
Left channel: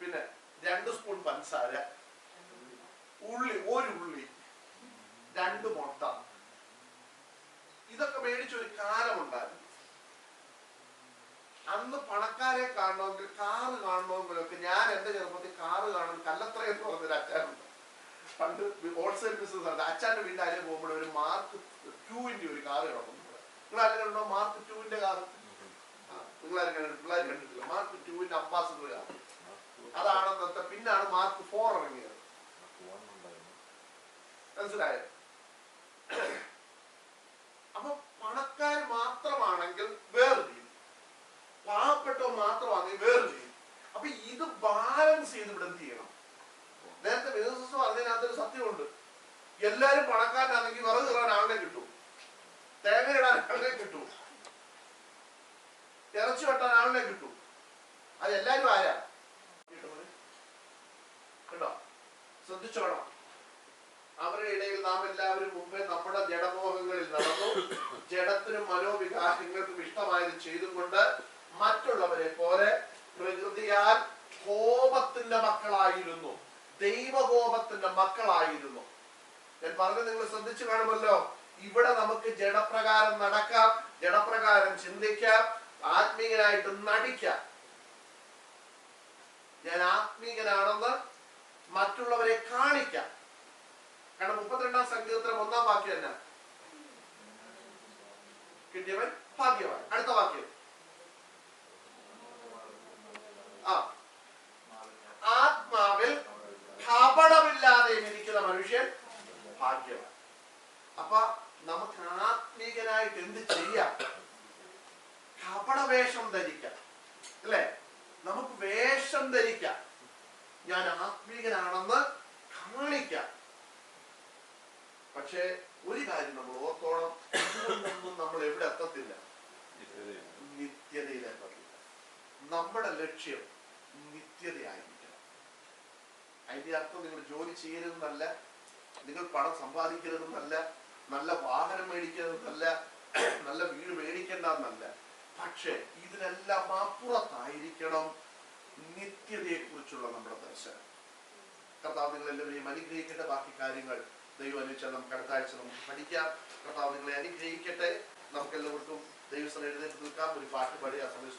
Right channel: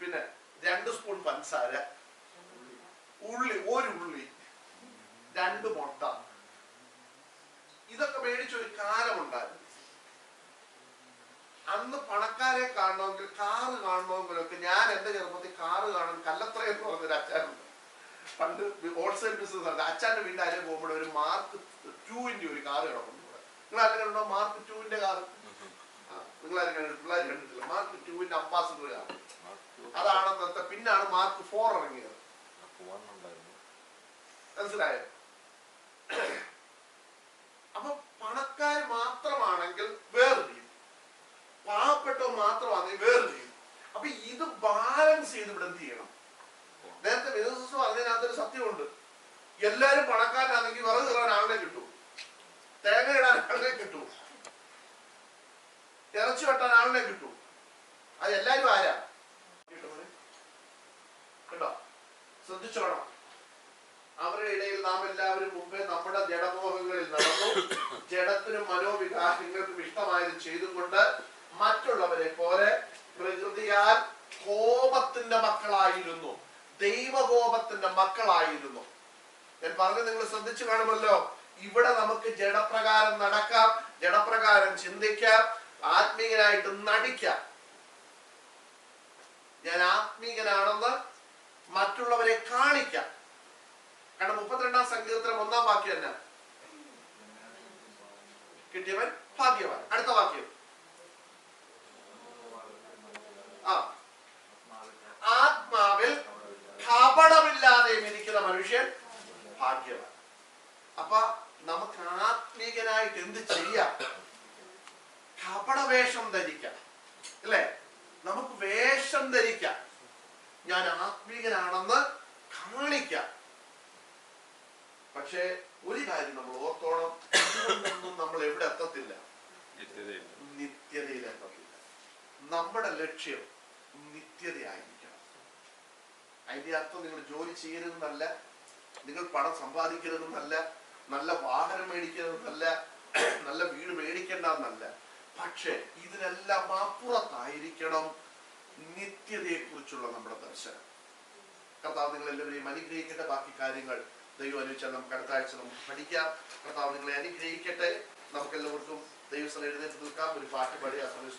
പിന്നെ 2 സ്പൂൺ പഞ്ചസാര, ഉള്ളി, ഒരു ഉള്ളി, 2 മുട്ട. ഇതൊക്കെ മേടിച്ചൊരു കാലമുണ്ടായിരുന്നു. അച്ചാനെ കാണണമെങ്കിൽ, കാറ് കാണണമെങ്കിലൊക്കെ, ഞാൻ എന്റെ ചെറുപ്പത്തിൽ കാറ് കാണാൻ കല്ലത്ര എന്ന് പറഞ്ഞൊരു അച്ചാനുണ്ട്. പണ്ട് ഹോൾസെയിൽ ബിസിനസ് ആണ്. അച്ചാന്റെ വീടിന്റെ അതിലെ പോകുമ്പോൾ ഒരു മാർക്ക് 2 ഒരു കാറ് കിടക്കുന്നു. നിങ്ങൾ ആരും കണ്ടോ മാർക്ക് 2 കാറ്? നിങ്ങളാരും പിള്ളേർ കണ്ടിട്ടില്ല. മാർക്ക് 2 അംബാസിഡർ കാർ അതാണെന്നത്തെ. പിന്നാണ് മാർക്ക് 4 ഇറങ്ങിയത്. മനസ്സിലായോ? അപ്പൊ പണക്കാർ മാത്രമാണെങ്കിൽ വേറെ രീതി, പാവപ്പെട്ടവ മാത്രമാണെങ്കിൽ വേറെ രീതി. അപ്പൊ ഇത് ബാലൻസ് ചെയ്ത് ഇവിടെ എന്ത് ചെയ്യണം? നേരത്തെ ബിസിനസ് പറഞ്ഞതിനകത്തൊരു സത്യമുണ്ട്. എല്ലാരും പണക്കാരനാണെങ്കിൽ വിറക് കയറാൻ ആളിനെ കിട്ടും, തേങ്ങ ഇടാൻ ആളിനെ കിട്ടും, ഇറച്ചി വെട്ടാൻ ആളിനെ കിട്ടും. അത് എല്ലാരും ആരാ? കേട്ടോ, ശ്രദ്ധിച്ചോണം. അവരുടെ ഇടയിൽ നാം എല്ലാവരും മുമ്പേ നമ്മുടെ ജഡമോഹങ്ങളിൽ നടന്നു, ജഡത്തിനും മനോവികാരങ്ങൾക്കും ഇഷ്ടമായത് ചെയ്തും കൊണ്ട് മറ്റുള്ളവരെ പോലെ പ്രകൃതിയാൽ കോപത്തിന്റെ മക്കളായിരുന്നു, ദൈവകോപത്തിന്റെ മക്കളായിരുന്നു. ഞാൻ പറഞ്ഞത് നിങ്ങൾ ശ്രദ്ധിച്ചു കാണുമല്ലോ. ഇവിടെ നമുക്ക് ജഡപ്രകാരം നടക്കാം, ജഡപ്രകാരം ചിന്തിക്കാം, ആത്മീയനായിട്ട് നടിക്കാം. ഞാൻ ആത്മീയനാണെന്ന് മറ്റുള്ളവരെ കാണിക്കാം. കാരണം 32-ാം സങ്കീർത്തനം 1-ാം വാക്യം തന്നെ, കിട്ടിയവൻ ഭാഗ്യവാൻ. അടുത്ത വാക്യം, ആത്മാവിൽ കപടമില്ലാതെയും ഇരിക്കുന്ന മനുഷ്യൻ ഭാഗ്യവാൻ. അപ്പൊ നമുക്ക് ആത്മീകനായിട്ട് എന്ത് ചെയ്യാം? കപടവേഷം ധരിക്കാം, അല്ലേ? നമുക്ക് വേഷം ധരിക്കാം, ഞാൻ ആത്മീകനാണെന്ന് കാണിക്കാം. പക്ഷെ ഒരു കാര്യം നമ്മൾ ഓർത്തോണം, ഇതൊന്നും നമ്മൾ എവിടെ എത്തത്തില്ല, നിത്യതയിൽ എത്തത്തില്ല. നമ്മുടെ ലക്ഷ്യം നിത്യതയായിരിക്കണം. അതിന്റെ അർത്ഥം നിങ്ങൾ ജോലി ചെയ്യരുതെന്നല്ല, നിങ്ങൾ പണം സമ്പാദിക്കരുതെന്നല്ല, നല്ല വാഹനം മേടിക്കരുതെന്നല്ല, നല്ല വീട് മേടിക്കേണ്ടെന്നല്ല. പക്ഷെ ഇതിനെല്ലാം അപ്പുറത്തായിരിക്കണം നിത്യതയെ കുറിച്ചുള്ള നമ്മുടെ ദർശനം. കർത്താവ് നിങ്ങൾ എല്ലാവരെയും അനുഗ്രഹിക്കട്ടെ. ബാക്കി കാര്യങ്ങൾ ദൈവം അനുവദിച്ചാൽ നമുക്ക് അടുത്ത ആഴ്ച നമുക്ക് പഠിക്കാം. കർത്താവ് നിങ്ങളെ അനുഗ്രഹിക്കട്ടെ. നമുക്ക് എല്ലാവർക്കും ദൈവസ്ഥ എഴുന്നേറ്റ് നിൽക്കാം, ഒരു പാട്ട് പാടി ആ സമയം